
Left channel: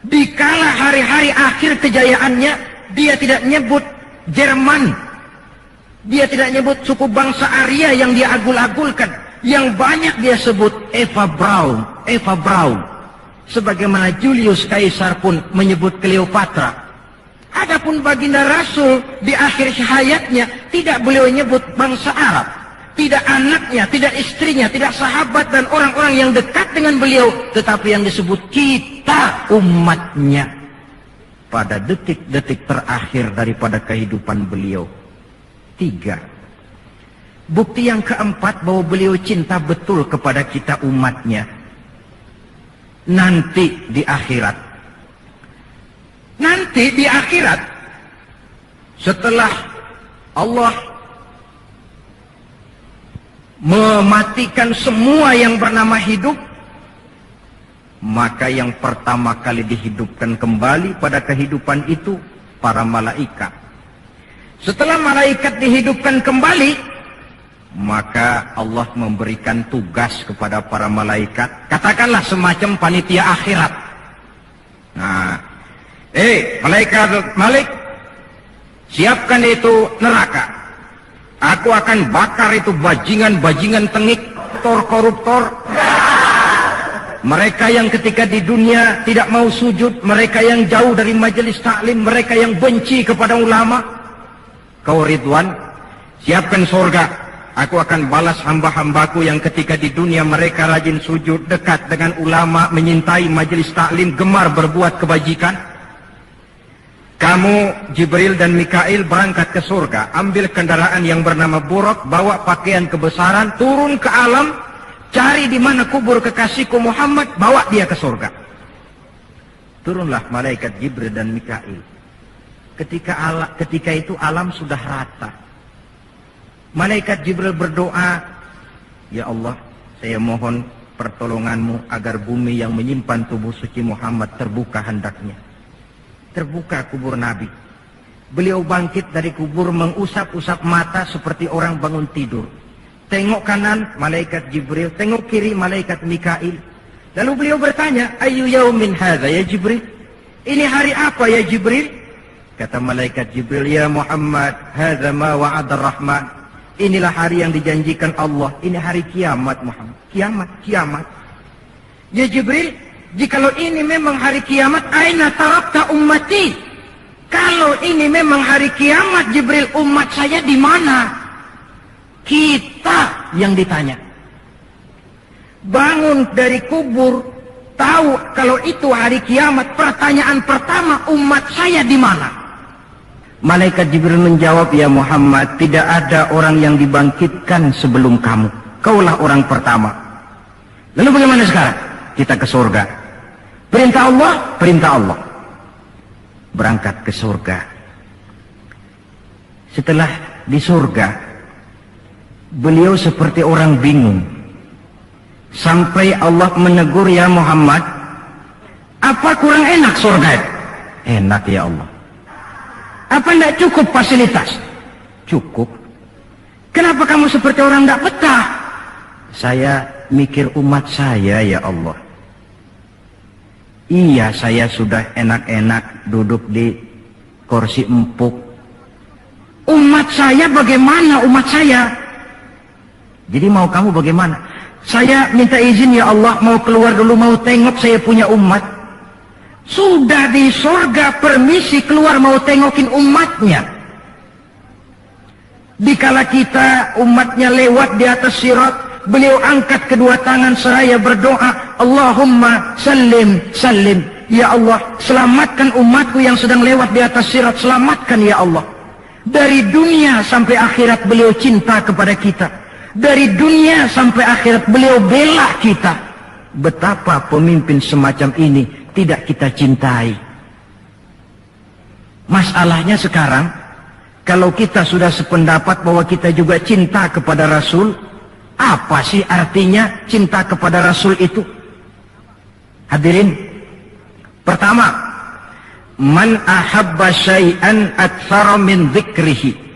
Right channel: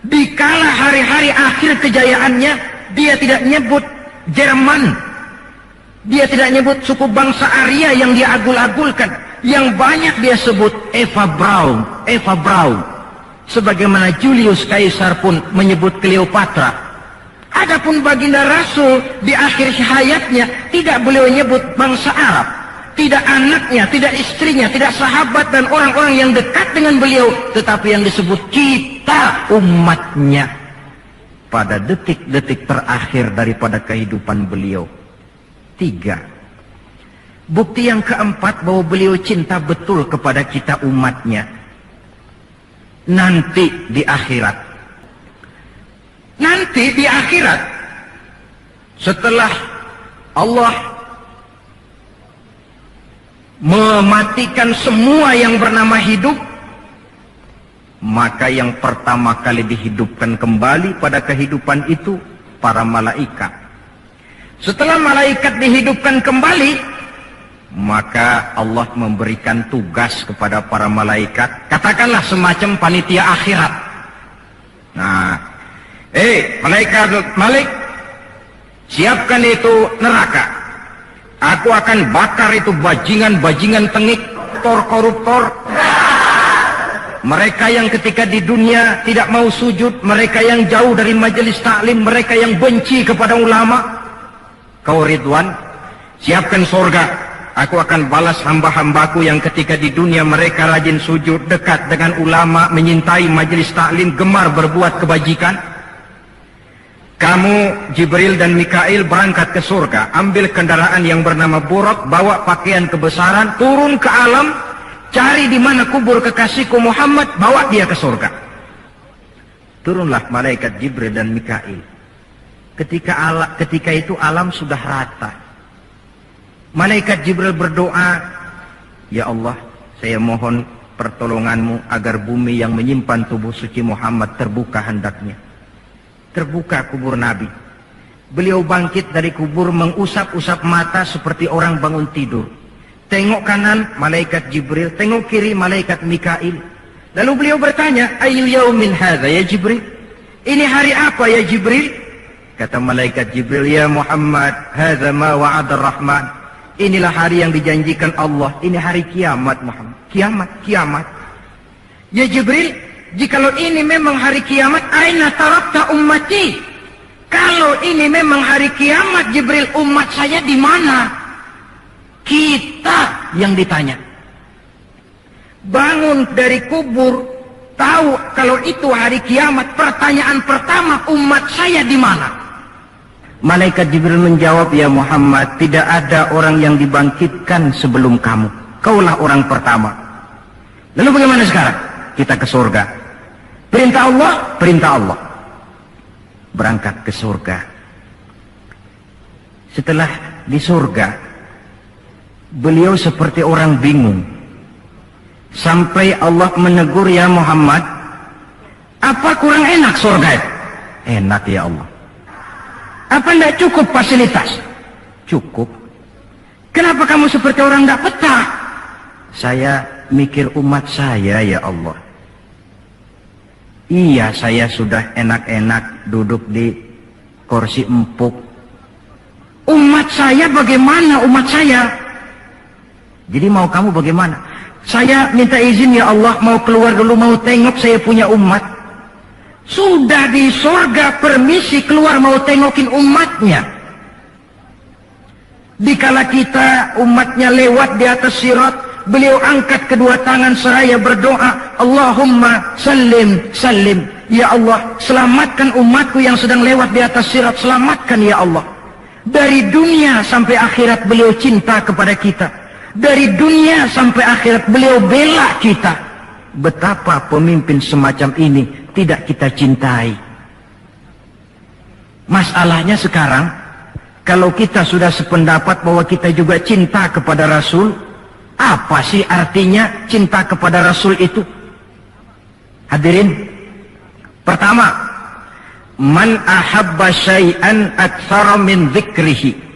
Dikala hari-hari akhir kejayaannya, dia tidak nyebut Jerman. Dia tidak nyebut suku bangsa Arya yang dia agul-agulkan. Yang banyak dia sebut Eva Braun, Eva Braun. Sebagaimana Julius Caesar pun menyebut Cleopatra. Adapun baginda Rasul di akhir hayatnya tidak beliau nyebut bangsa Arab. Tidak anaknya, tidak istrinya, tidak sahabat dan orang-orang yang dekat dengan beliau. Tetapi yang disebut kita umatnya. Pada detik-detik terakhir daripada kehidupan beliau. 3. Bukti yang keempat bahwa beliau cinta betul kepada kita umatnya. Nanti di akhirat. Nanti di akhirat. Setelah Allah mematikan semua yang bernama hidup. maka yang pertama kali dihidupkan kembali pada kehidupan itu para malaikat. Setelah malaikat dihidupkan kembali, maka Allah memberikan tugas kepada para malaikat, katakanlah semacam panitia akhirat. Nah, malaikat Malik, siapkan itu neraka. Aku akan bakar itu bajingan-bajingan tengik, koruptor. Mereka yang ketika di dunia tidak mau sujud, mereka yang jauh dari majelis taklim, mereka yang benci kepada ulama. Kau Ridwan, siapkan surga. Aku akan balas hamba-hambaku yang ketika di dunia mereka rajin sujud, dekat dengan ulama, menyintai majelis taklim, gemar berbuat kebajikan. Kamu, Jibril dan Mikail berangkat ke surga, ambil kendaraan yang bernama Buraq, bawa pakaian kebesaran, turun ke alam, cari di mana kubur kekasihku Muhammad, bawa dia ke surga. Turunlah malaikat Jibril dan Mikail. Ketika itu alam sudah rata. Malaikat Jibril berdoa, ya Allah, saya mohon pertolonganmu agar bumi yang menyimpan tubuh suci Muhammad terbuka hendaknya. Terbuka kubur Nabi. Beliau bangkit dari kubur mengusap-usap mata seperti orang bangun tidur. Tengok kanan malaikat Jibril, tengok kiri malaikat Mikail. Lalu beliau bertanya, ayu yaumin hadza ya Jibril? Ini hari apa ya Jibril? Kata malaikat Jibril, ya Muhammad, hadza ma wa'ada Rahman. Inilah hari yang dijanjikan Allah. Ini hari kiamat Muhammad. Kiamat. Ya Jibril, jikalau ini memang hari kiamat, aina tarakta ummati? Kalau ini memang hari kiamat Jibril, umat saya di mana? Kita yang ditanya. Bangun dari kubur, tahu kalau itu hari kiamat, pertanyaan pertama, umat saya di mana? Malaikat Jibril menjawab, ya Muhammad, tidak ada orang yang dibangkitkan sebelum kamu. Kaulah orang pertama. Lalu bagaimana sekarang? Kita ke surga. Perintah Allah, perintah Allah. Berangkat ke surga. Setelah di surga, beliau seperti orang bingung. Sampai Allah menegur, ya Muhammad, apa kurang enak surga? Enak ya Allah. Apa tidak cukup fasilitas? Cukup. Kenapa kamu seperti orang tidak betah? Saya mikir umat saya ya Allah. Iya, saya sudah enak-enak duduk di kursi empuk. Umat saya bagaimana umat saya? Jadi mau kamu bagaimana? Saya minta izin ya Allah, mau keluar dulu, mau tengok saya punya umat. Sudah di surga, permisi keluar mau tengokin umatnya. Dikala kita umatnya lewat di atas sirat, beliau angkat kedua tangan seraya berdoa, Allahumma sallim sallim. Ya Allah, selamatkan umatku yang sedang lewat di atas sirat, selamatkan ya Allah. Dari dunia sampai akhirat beliau cinta kepada kita. Dari dunia sampai akhirat beliau bela kita. Betapa pemimpin semacam ini tidak kita cintai. Masalahnya sekarang, kalau kita sudah sependapat bahwa kita juga cinta kepada Rasul, apa sih artinya cinta kepada Rasul itu? Hadirin, pertama, man ahabba syai'an aktsara min dzikrihi.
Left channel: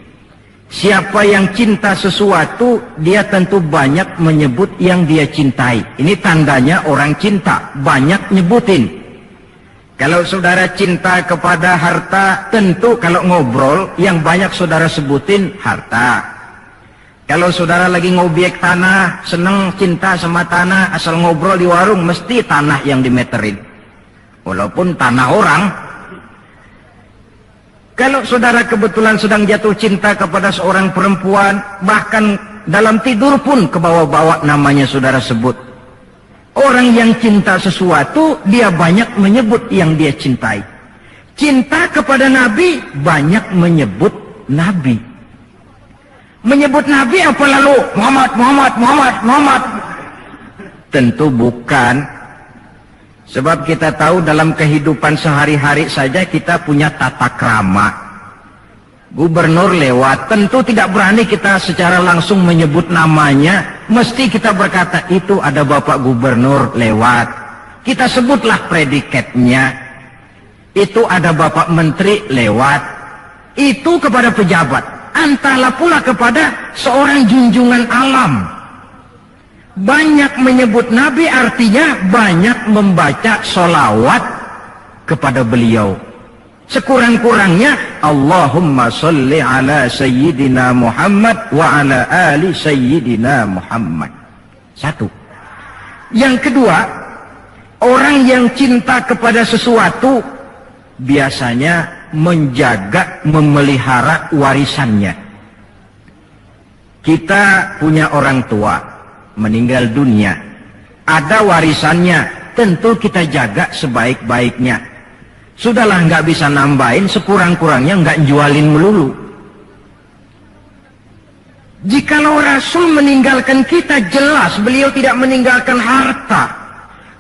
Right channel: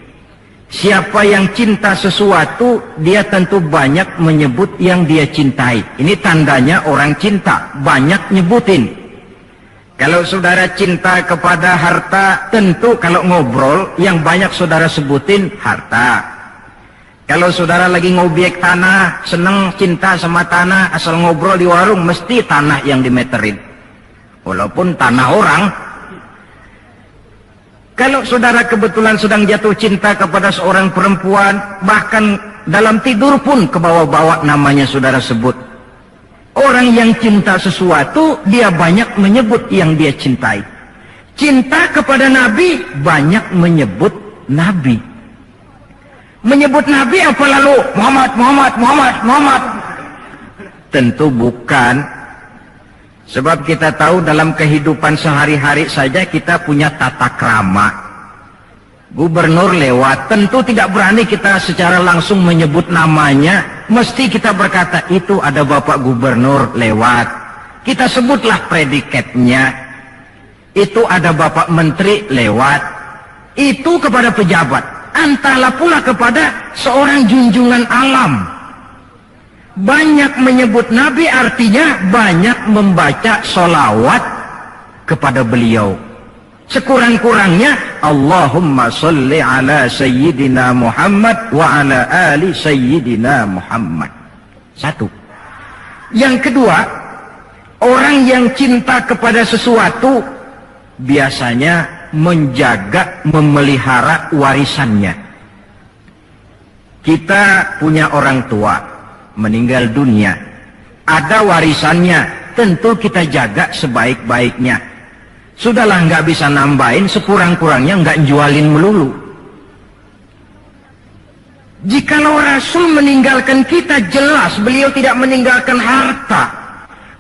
Siapa yang cinta sesuatu, dia tentu banyak menyebut yang dia cintai. Ini tandanya orang cinta, banyak nyebutin. Kalau saudara cinta kepada harta, tentu kalau ngobrol yang banyak saudara sebutin harta. Kalau saudara lagi ngobek tanah, senang cinta sama tanah, asal ngobrol di warung mesti tanah yang dimeterin. Walaupun tanah orang. Kalau saudara kebetulan sedang jatuh cinta kepada seorang perempuan, bahkan dalam tidur pun kebawa-bawa namanya saudara sebut. Orang yang cinta sesuatu, dia banyak menyebut yang dia cintai. Cinta kepada Nabi, banyak menyebut Nabi. Menyebut Nabi apa lalu? Muhammad. Tentu bukan. Sebab kita tahu dalam kehidupan sehari-hari saja kita punya tata krama. Gubernur lewat, tentu tidak berani kita secara langsung menyebut namanya. Mesti kita berkata, itu ada Bapak Gubernur lewat. kita sebutlah predikatnya. Itu ada Bapak Menteri lewat, itu kepada pejabat, antara pula kepada seorang junjungan alam. Banyak menyebut Nabi artinya banyak membaca sholawat kepada beliau. Sekurang-kurangnya Allahumma sholli ala Sayyidina Muhammad wa ala ali Sayyidina Muhammad. Satu. Yang kedua, orang yang cinta kepada sesuatu biasanya menjaga, memelihara warisannya. Kita punya orang tua meninggal dunia, ada warisannya, tentu kita jaga sebaik-baiknya. Sudahlah, nggak bisa nambahin, sekurang-kurangnya nggak jualin melulu. Jikalau Rasul meninggalkan kita, jelas beliau tidak meninggalkan harta,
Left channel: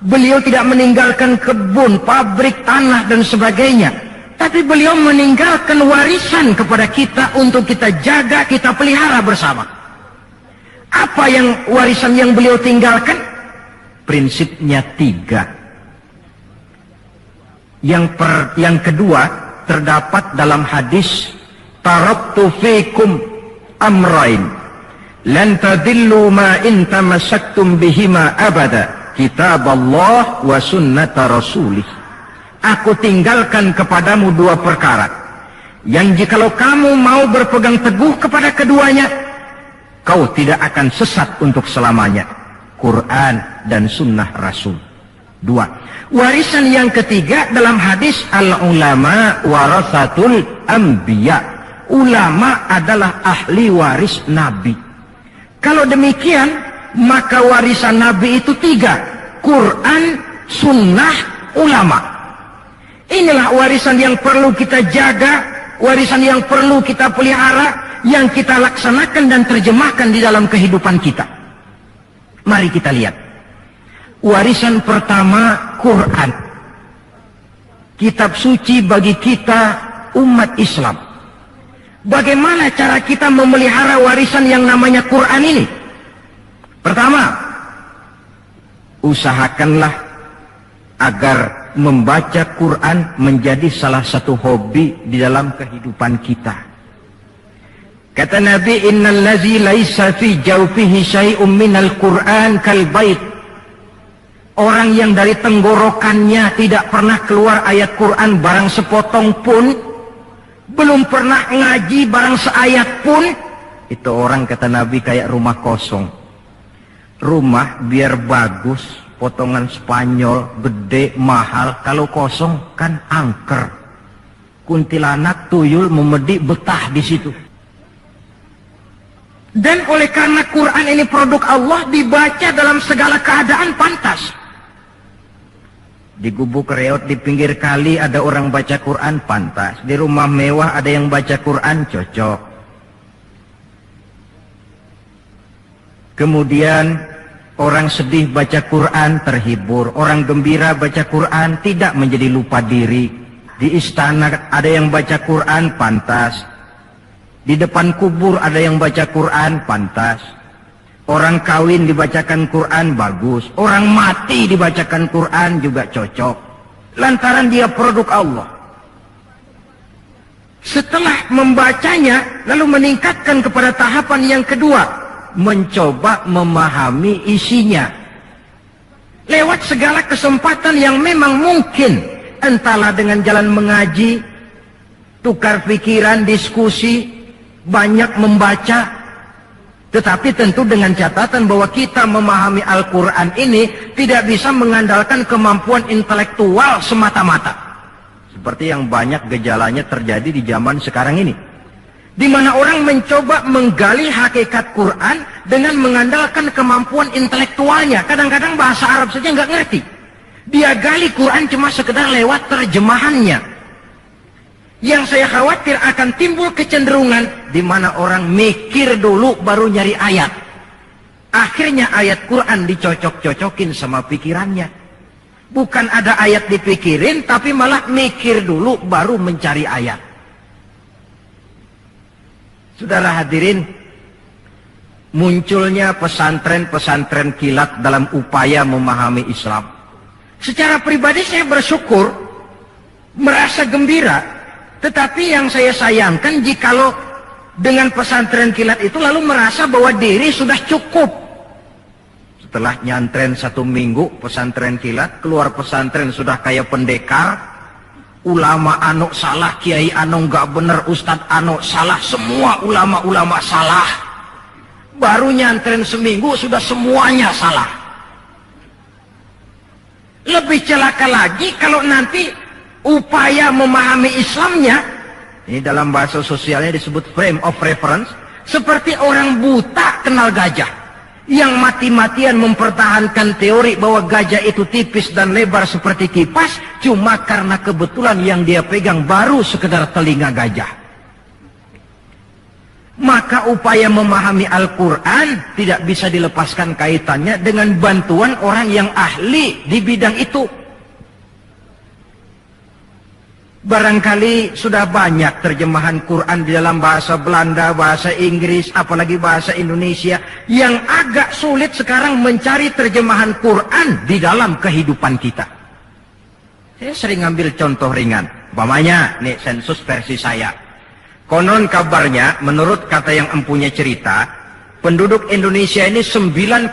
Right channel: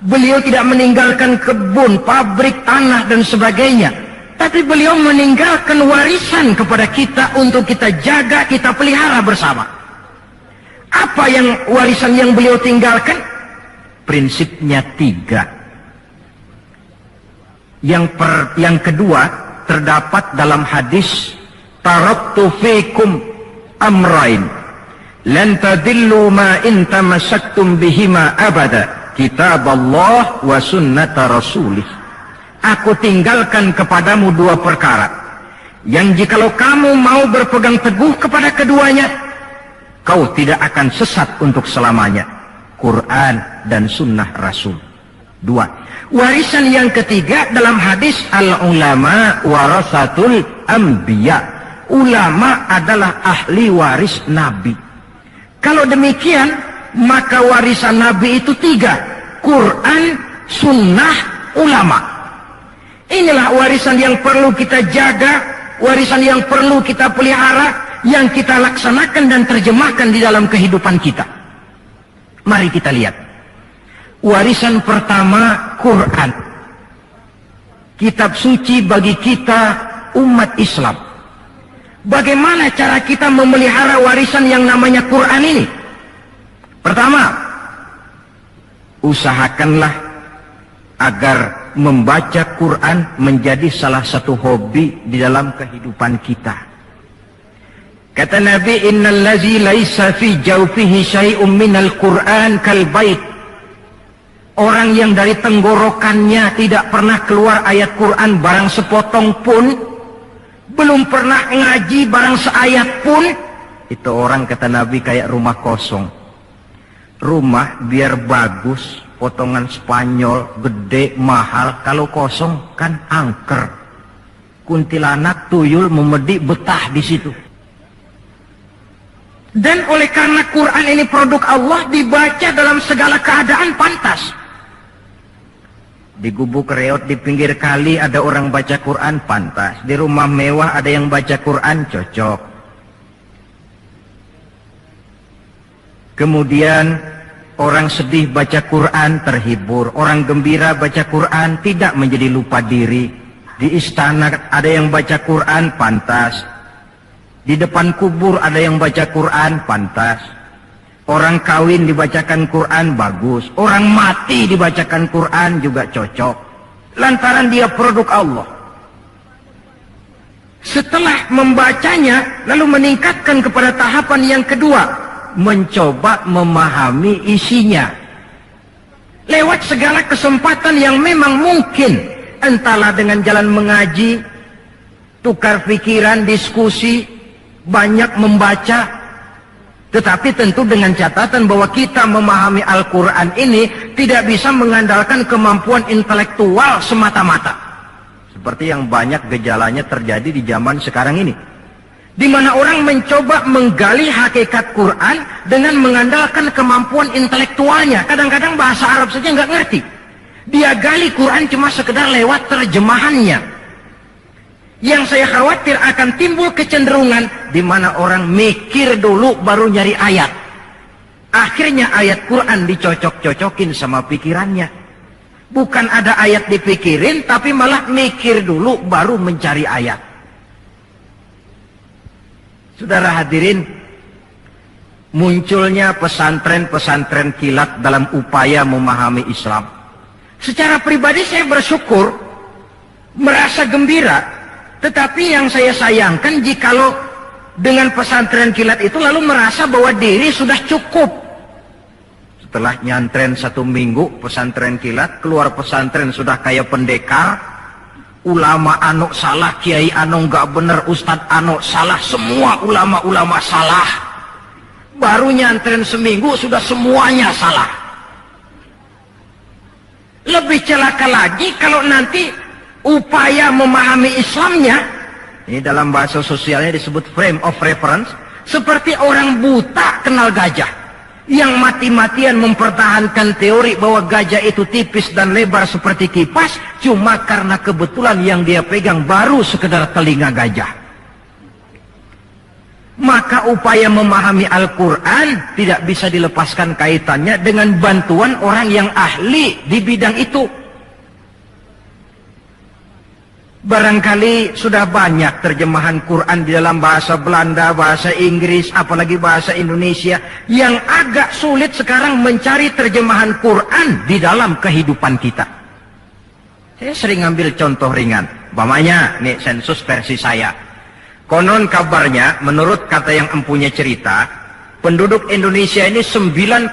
beliau tidak meninggalkan kebun, pabrik, tanah dan sebagainya, tapi beliau meninggalkan warisan kepada kita untuk kita jaga, kita pelihara bersama. Apa yang warisan yang beliau tinggalkan? Prinsipnya 3. Yang kedua terdapat dalam hadis, taraktu fikum amrain lan tadillu ma in tamassaktum bihima abada, kitab Allah wa sunnata rasulih. Aku tinggalkan kepadamu 2 perkara yang jikalau kamu mau berpegang teguh kepada keduanya, kau tidak akan sesat untuk selamanya. Quran dan sunnah Rasul. 2. Warisan yang ketiga dalam hadis, al-ulama warasatul anbiya. Ulama adalah ahli waris Nabi. Kalau demikian, maka warisan Nabi itu 3. Quran, sunnah, ulama. Inilah warisan yang perlu kita jaga, warisan yang perlu kita pelihara, yang kita laksanakan dan terjemahkan di dalam kehidupan kita. Mari kita lihat. Warisan pertama, Quran. Kitab suci bagi kita umat Islam. Bagaimana cara kita memelihara warisan yang namanya Quran ini? Pertama, usahakanlah agar membaca Quran menjadi salah satu hobi di dalam kehidupan kita. Kata Nabi, innal ladzi laisa fi jawfihi syai'un minal Qur'an kal bait. Orang yang dari tenggorokannya tidak pernah keluar ayat Quran barang sepotong pun, belum pernah ngaji barang seayat pun, itu orang, kata Nabi, kayak rumah kosong. Rumah biar bagus, potongan Spanyol, gede, mahal, kalau kosong kan angker. Kuntilanak, tuyul, memedi, betah di situ. Dan oleh karena Quran ini produk Allah, dibaca dalam segala keadaan pantas. Di gubuk reot di pinggir kali ada orang baca Quran, pantas. Di rumah mewah ada yang baca Quran, cocok. Kemudian orang sedih baca Quran, terhibur. Orang gembira baca Quran, tidak menjadi lupa diri. Di istana ada yang baca Quran, pantas. Di depan kubur ada yang baca Quran, pantas. Orang kawin dibacakan Quran, bagus. Orang mati dibacakan Quran juga cocok. Lantaran dia produk Allah. Setelah membacanya, lalu meningkatkan kepada tahapan yang kedua, mencoba memahami isinya. Lewat segala kesempatan yang memang mungkin, entahlah dengan jalan mengaji, tukar pikiran, diskusi, banyak membaca. Tetapi tentu dengan catatan bahwa kita memahami Al-Quran ini tidak bisa mengandalkan kemampuan intelektual semata-mata. Seperti yang banyak gejalanya terjadi di zaman sekarang ini. Di mana orang mencoba menggali hakikat Quran dengan mengandalkan kemampuan intelektualnya. Kadang-kadang bahasa Arab saja nggak ngerti. Dia gali Quran cuma sekedar lewat terjemahannya. Yang saya khawatir akan timbul kecenderungan di mana orang mikir dulu baru nyari ayat. Akhirnya ayat Quran dicocok-cocokin sama pikirannya. Bukan ada ayat dipikirin, tapi malah mikir dulu baru mencari ayat. Saudara hadirin, munculnya pesantren-pesantren kilat dalam upaya memahami Islam. Secara pribadi saya bersyukur, merasa gembira, tetapi yang saya sayangkan jikalau dengan pesantren kilat itu lalu merasa bahwa diri sudah cukup. Setelah nyantren 1 minggu pesantren kilat, keluar pesantren sudah kayak pendekar, ulama anu salah, kiai anu nggak bener, ustadz anu salah, semua ulama-ulama salah. Baru nyantren seminggu sudah semuanya salah. Lebih celaka lagi kalau nanti upaya memahami Islamnya, ini dalam bahasa sosialnya disebut frame of reference, seperti orang buta kenal gajah, yang mati-matian mempertahankan teori bahwa gajah itu tipis dan lebar seperti kipas, cuma karena kebetulan yang dia pegang baru sekedar telinga gajah. Maka upaya memahami Al-Quran tidak bisa dilepaskan kaitannya dengan bantuan orang yang ahli di bidang itu. Barangkali sudah banyak terjemahan Quran di dalam bahasa Belanda, bahasa Inggris, apalagi bahasa Indonesia, yang agak sulit sekarang mencari terjemahan Quran di dalam kehidupan kita. Saya sering ambil contoh ringan, umpamanya nih sensus versi saya. Konon kabarnya, menurut kata yang empunya cerita, penduduk Indonesia ini 90%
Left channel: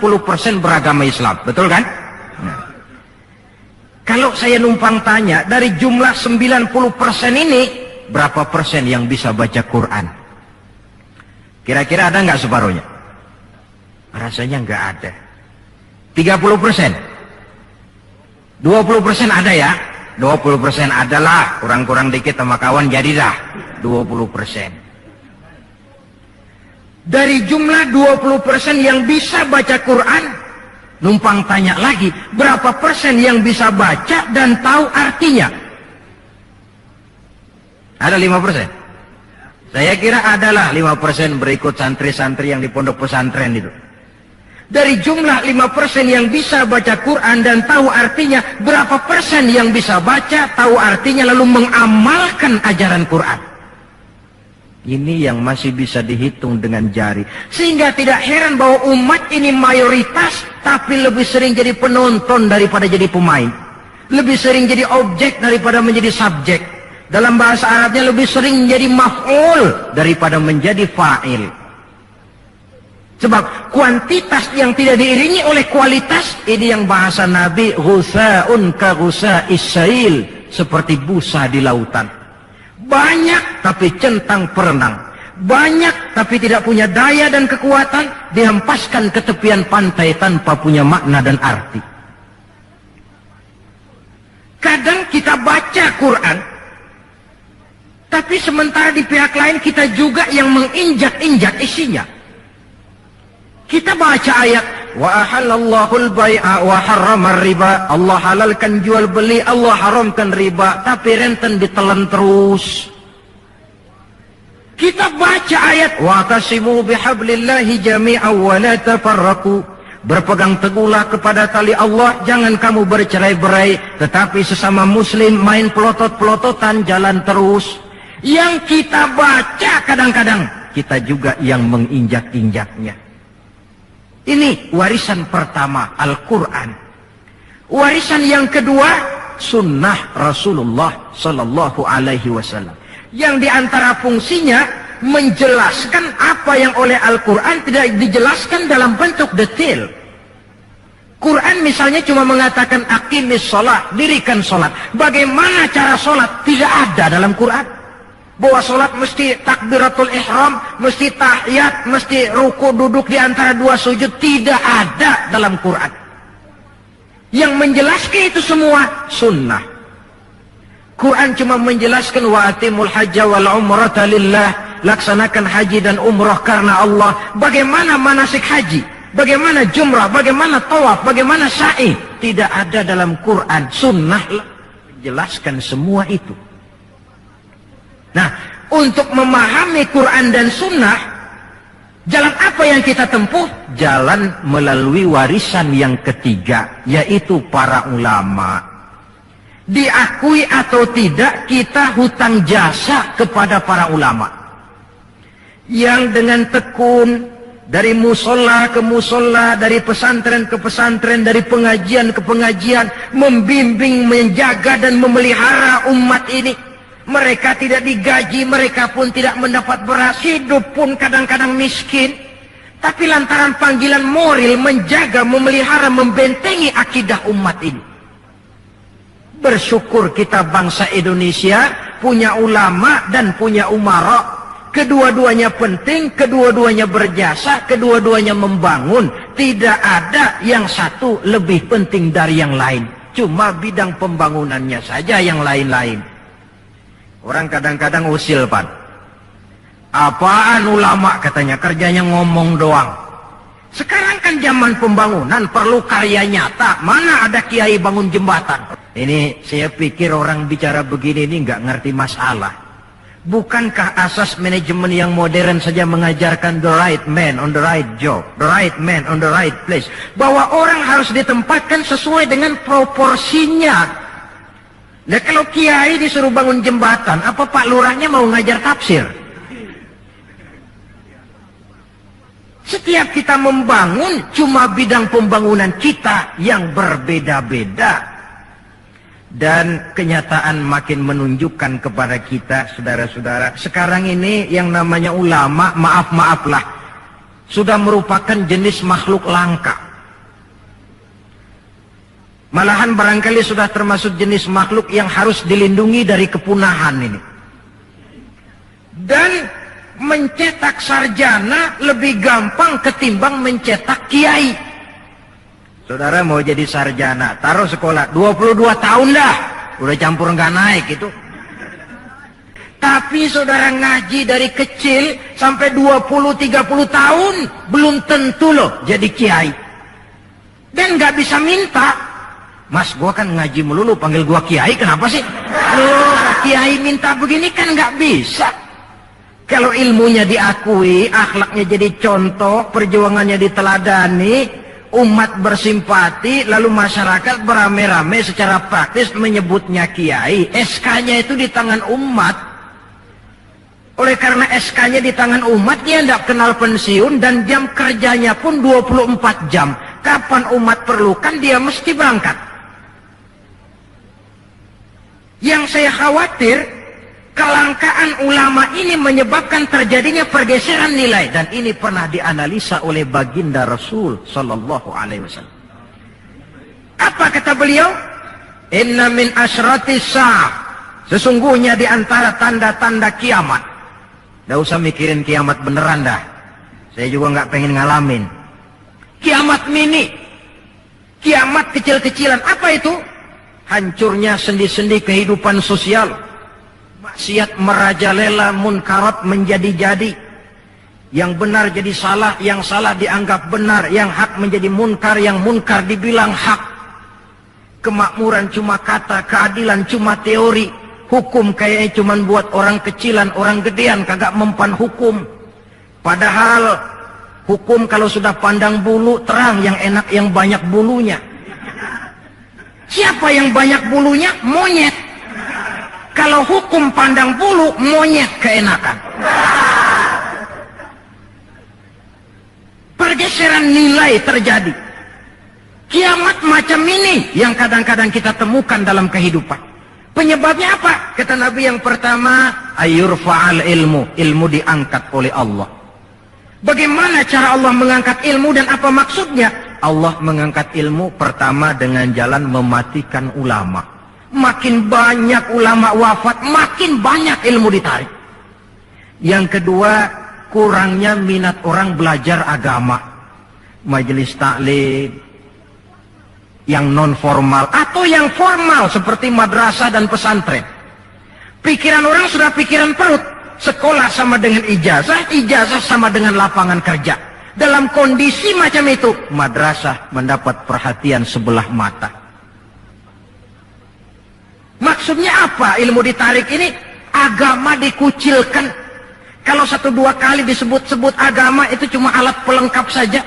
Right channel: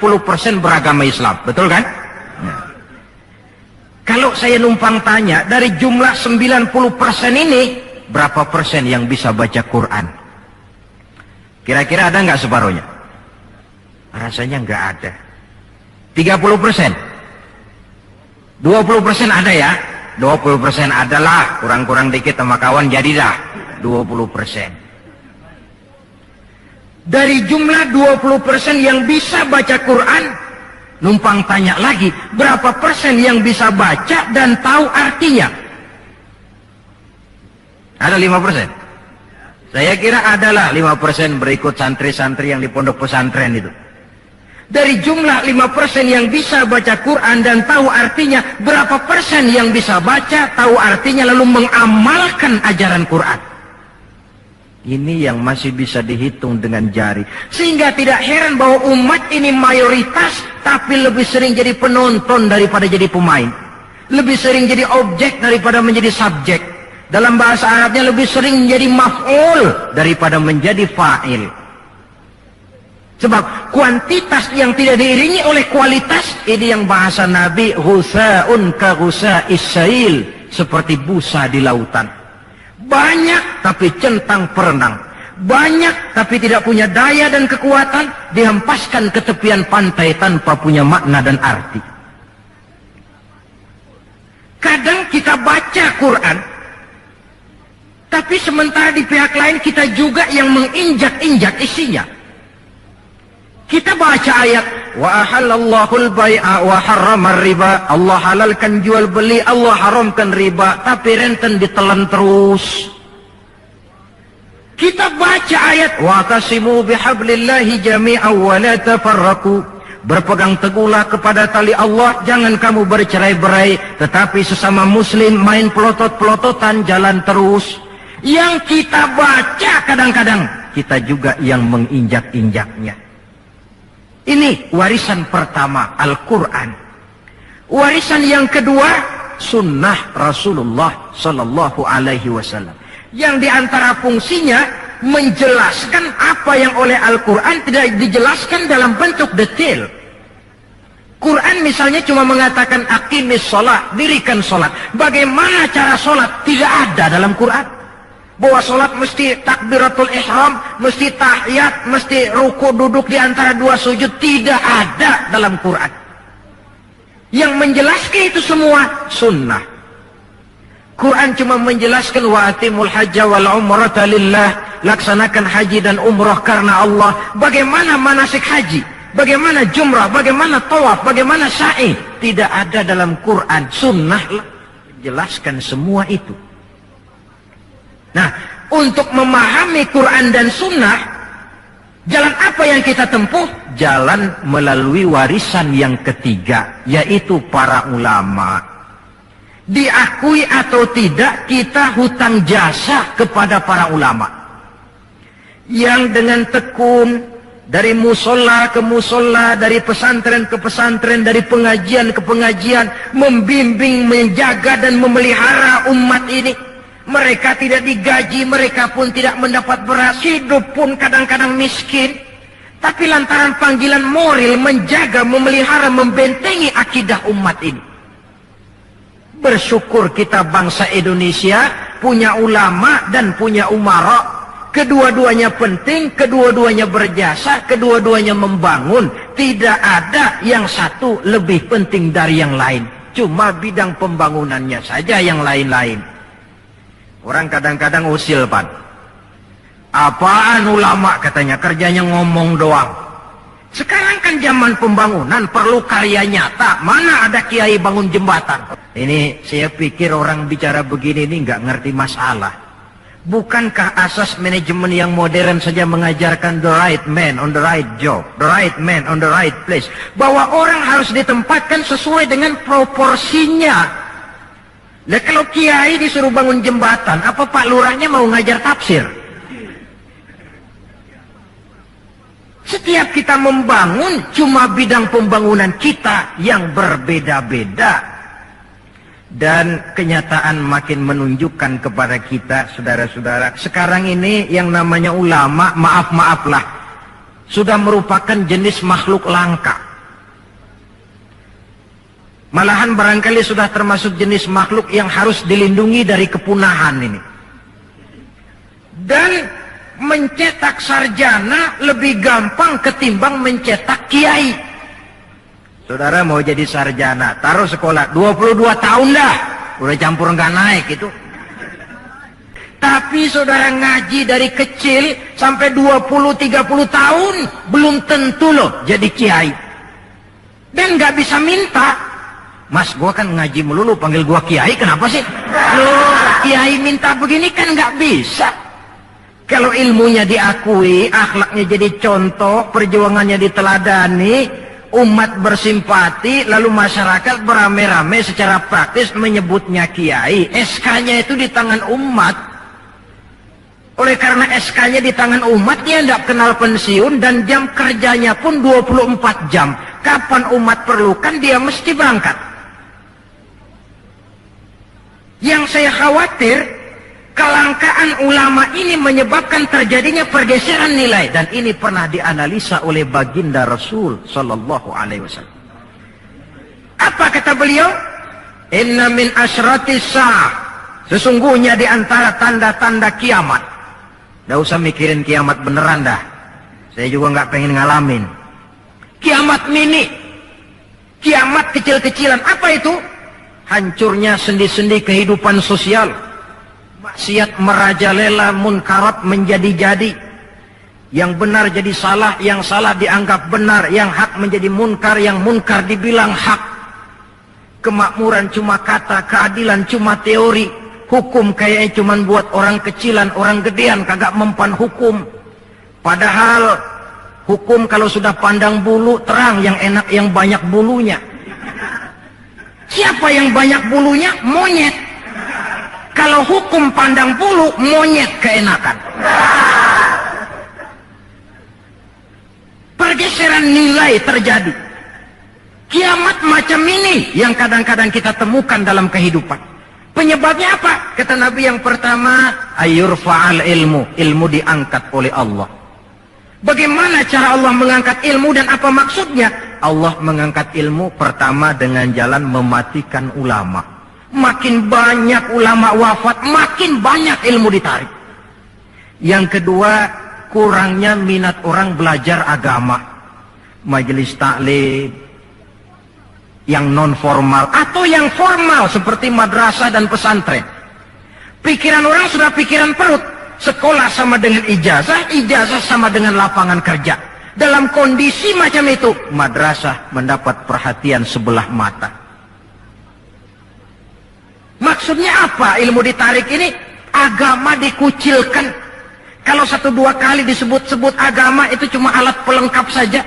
beragama Islam, betul kan? Nah. Kalau saya numpang tanya, dari jumlah 90% ini, berapa persen yang bisa baca Quran? Kira-kira ada nggak separuhnya? Rasanya nggak ada. 30%? 20% ada ya? 20% adalah, kurang-kurang dikit sama kawan jadilah 20%. Dari jumlah 20% yang bisa baca Quran, numpang tanya lagi, berapa persen yang bisa baca dan tahu artinya? Ada 5%? Saya kira adalah 5% berikut santri-santri yang di pondok pesantren itu. Dari jumlah 5% yang bisa baca Quran dan tahu artinya, berapa persen yang bisa baca, tahu artinya, lalu mengamalkan ajaran Quran? Ini yang masih bisa dihitung dengan jari. Sehingga tidak heran bahwa umat ini mayoritas, tapi lebih sering jadi penonton daripada jadi pemain. Lebih sering jadi objek daripada menjadi subjek. Dalam bahasa Arabnya lebih sering menjadi maf'ul daripada menjadi fa'il. Sebab kuantitas yang tidak diiringi oleh kualitas, ini yang bahasa Nabi, ghusa'un ka ghusa'is sail, seperti busa di lautan. Banyak tapi centang perenang, banyak tapi tidak punya daya dan kekuatan, dihempaskan ke tepian pantai tanpa punya makna dan arti. Kadang kita baca Quran, tapi sementara di pihak lain kita juga yang menginjak-injak isinya. Kita baca ayat, wa ahallallahu al-bai'a wa harrama riba, Allah halalkan jual beli, Allah haramkan riba, tapi renten ditelan terus. Kita baca ayat, wa qasimu bihablillahi jami'an wa la tafarraqu, berpegang teguhlah kepada tali Allah, jangan kamu bercerai-berai, tetapi sesama muslim main pelotot-pelototan jalan terus. Yang kita baca kadang-kadang kita juga yang menginjak-injaknya. Ini warisan pertama, Al-Quran. Warisan yang kedua, sunnah Rasulullah Sallallahu Alaihi Wasallam. Yang diantara fungsinya menjelaskan apa yang oleh Al-Quran tidak dijelaskan dalam bentuk detail. Quran misalnya cuma mengatakan aqimis sholat, dirikan sholat. Bagaimana cara sholat? Tidak ada dalam Quran. Bahwa sholat mesti takbiratul ihram, mesti tahiyat, mesti ruku duduk di antara dua sujud, tidak ada dalam Quran. Yang menjelaskan itu semua sunnah. Quran cuma menjelaskan wa atimul hajja wal umrata lillah, laksanakan haji dan umrah karena Allah. Bagaimana manasik haji, bagaimana jumrah, bagaimana tawaf, bagaimana sa'i, tidak ada dalam Quran. Sunnah menjelaskan semua itu. Nah, untuk memahami Quran dan sunnah, jalan apa yang kita tempuh? Jalan melalui warisan yang ketiga, yaitu para ulama. Diakui atau tidak, kita hutang jasa kepada para ulama. Yang dengan tekun, Dari musola ke musola, dari pesantren ke pesantren, dari pengajian ke pengajian, membimbing, menjaga dan memelihara umat ini. Mereka tidak digaji, mereka pun tidak mendapat beras, hidup pun kadang-kadang miskin. Tapi lantaran panggilan moral menjaga, memelihara, membentengi akidah umat ini. Bersyukur kita bangsa Indonesia punya ulama dan punya umara. Kedua-duanya penting, kedua-duanya berjasa, kedua-duanya membangun. Tidak ada yang satu lebih penting dari yang lain. Cuma bidang pembangunannya saja yang lain-lain. Orang kadang-kadang usil, Pan. Apaan ulama katanya, kerjanya ngomong doang. Sekarang kan zaman pembangunan, perlu karya nyata. Mana ada kiai bangun jembatan? Ini saya pikir orang bicara begini ini nggak ngerti masalah. Bukankah asas manajemen yang modern saja mengajarkan the right man on the right job, the right man on the right place, bahwa orang harus ditempatkan sesuai dengan proporsinya. Nah kalau kiai disuruh bangun jembatan, apa Pak Lurahnya mau ngajar tafsir? Setiap kita membangun, cuma bidang pembangunan kita yang berbeda-beda. Dan kenyataan makin menunjukkan kepada kita, saudara-saudara, sekarang ini yang namanya ulama, maaf-maaflah, sudah merupakan jenis makhluk langka. Malahan barangkali sudah termasuk jenis makhluk yang harus dilindungi dari kepunahan ini. Dan mencetak sarjana lebih gampang ketimbang mencetak kiai. Saudara mau jadi sarjana, taruh sekolah 22 tahun dah, udah campur nggak naik itu. Tapi saudara ngaji dari kecil sampai 20-30 tahun, belum tentu loh jadi kiai. Dan nggak bisa minta. Mas, gua kan ngaji melulu, panggil gua kiai, kenapa sih? Loh, kiai minta begini kan nggak bisa. Kalau ilmunya diakui, akhlaknya jadi contoh, perjuangannya diteladani, umat bersimpati, lalu masyarakat beramai-ramai secara praktis menyebutnya kiai. SK-nya itu di tangan umat. Oleh karena SK-nya di tangan umat, dia tidak kenal pensiun dan jam kerjanya pun 24 jam. Kapan umat perlukan, dia mesti berangkat. Yang saya khawatir, kelangkaan ulama ini menyebabkan terjadinya pergeseran nilai, dan ini pernah dianalisa oleh baginda Rasul sallallahu alaihi wasallam. Apa kata beliau? Inna min asyratis sa'ah, sesungguhnya di antara tanda-tanda kiamat. Nggak usah mikirin kiamat beneran dah, saya juga nggak pengen ngalamin. Kiamat mini, kiamat kecil-kecilan. Apa itu? Hancurnya sendi-sendi kehidupan sosial. Maksiat merajalela, munkarat menjadi-jadi. Yang benar jadi salah, yang salah dianggap benar, yang hak menjadi munkar, yang munkar dibilang hak. Kemakmuran cuma kata, keadilan cuma teori. Hukum kayaknya cuma buat orang kecilan, orang gedean, kagak mempan hukum. Padahal hukum kalau sudah pandang bulu terang, yang enak yang banyak bulunya. Siapa yang banyak bulunya? Monyet. Kalau hukum pandang bulu, monyet keenakan. Pergeseran nilai terjadi. Kiamat macam ini yang kadang-kadang kita temukan dalam kehidupan. Penyebabnya apa? Kata Nabi yang pertama, ayyurfa'al ilmu. Ilmu diangkat oleh Allah. Bagaimana cara Allah mengangkat ilmu dan apa maksudnya? Allah mengangkat ilmu pertama dengan jalan mematikan ulama. Makin banyak ulama wafat, makin banyak ilmu ditarik. Yang kedua, kurangnya minat orang belajar agama. Majelis taklim yang non formal atau yang formal seperti madrasah dan pesantren. Pikiran orang sudah pikiran perut. Sekolah sama dengan ijazah, ijazah sama dengan lapangan kerja. Dalam kondisi macam itu, madrasah mendapat perhatian sebelah mata. Maksudnya apa ilmu ditarik ini? Agama dikucilkan. Kalau 1-2 kali disebut-sebut agama, itu cuma alat pelengkap saja.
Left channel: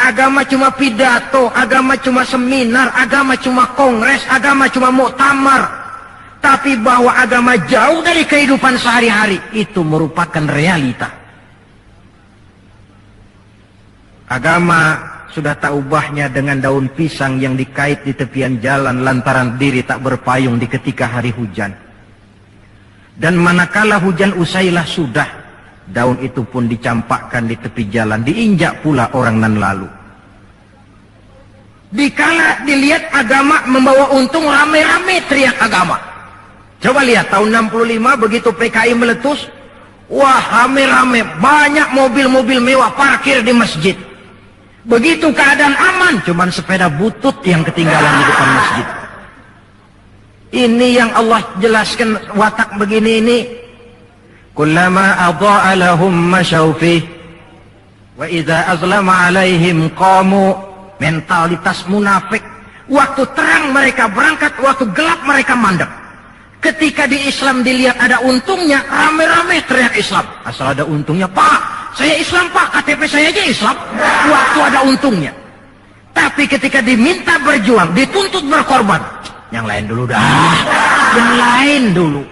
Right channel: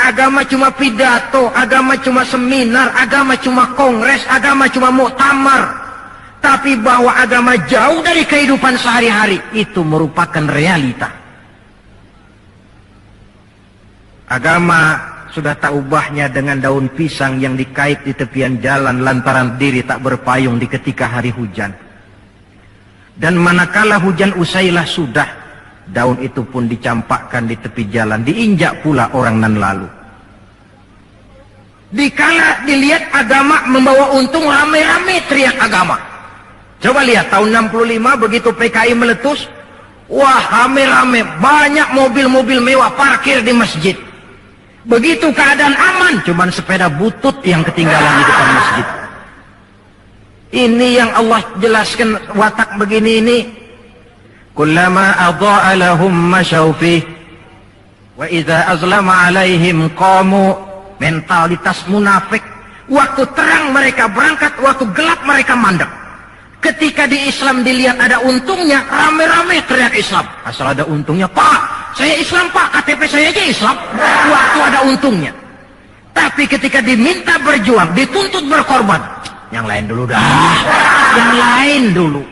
Agama cuma pidato, agama cuma seminar, agama cuma kongres, agama cuma muktamar. Tapi bahwa agama jauh dari kehidupan sehari-hari, itu merupakan realita. Agama sudah tak ubahnya dengan daun pisang yang dikait di tepian jalan lantaran diri tak berpayung di ketika hari hujan. Dan manakala hujan usailah sudah, daun itu pun dicampakkan di tepi jalan, diinjak pula orang nan lalu. Dikala dilihat agama membawa untung, rame-rame teriak agama. Coba lihat tahun 65 begitu PKI meletus, wah rame-rame, banyak mobil-mobil mewah parkir di masjid. Begitu keadaan aman, cuman sepeda butut yang ketinggalan di depan masjid. Ini yang Allah jelaskan watak begini ini. Kullama adha'a lahum masyaw fih wa idza azlama alaihim qamu. Mentalitas munafik. Waktu terang mereka berangkat, waktu gelap mereka mandek. Ketika di Islam dilihat ada untungnya, rame-rame teriak Islam. Asal ada untungnya, Pak, saya Islam Pak, KTP saya aja Islam. Waktu ada untungnya. Tapi ketika diminta berjuang, dituntut berkorban, yang lain dulu dah, yang lain dulu.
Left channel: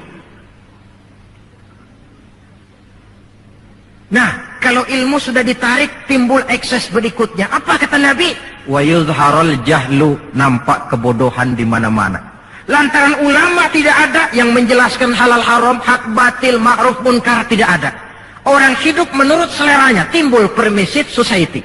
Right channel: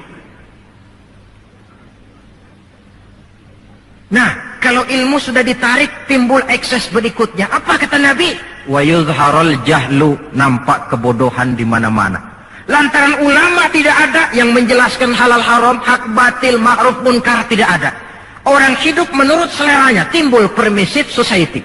Nah, kalau ilmu sudah ditarik, timbul ekses berikutnya. Apa kata Nabi? Wa yuzharul jahlu, nampak kebodohan di mana-mana. Lantaran ulama tidak ada yang menjelaskan halal haram, hak batil, ma'ruf munkar, tidak ada. Orang hidup menurut seleranya, timbul permissive society.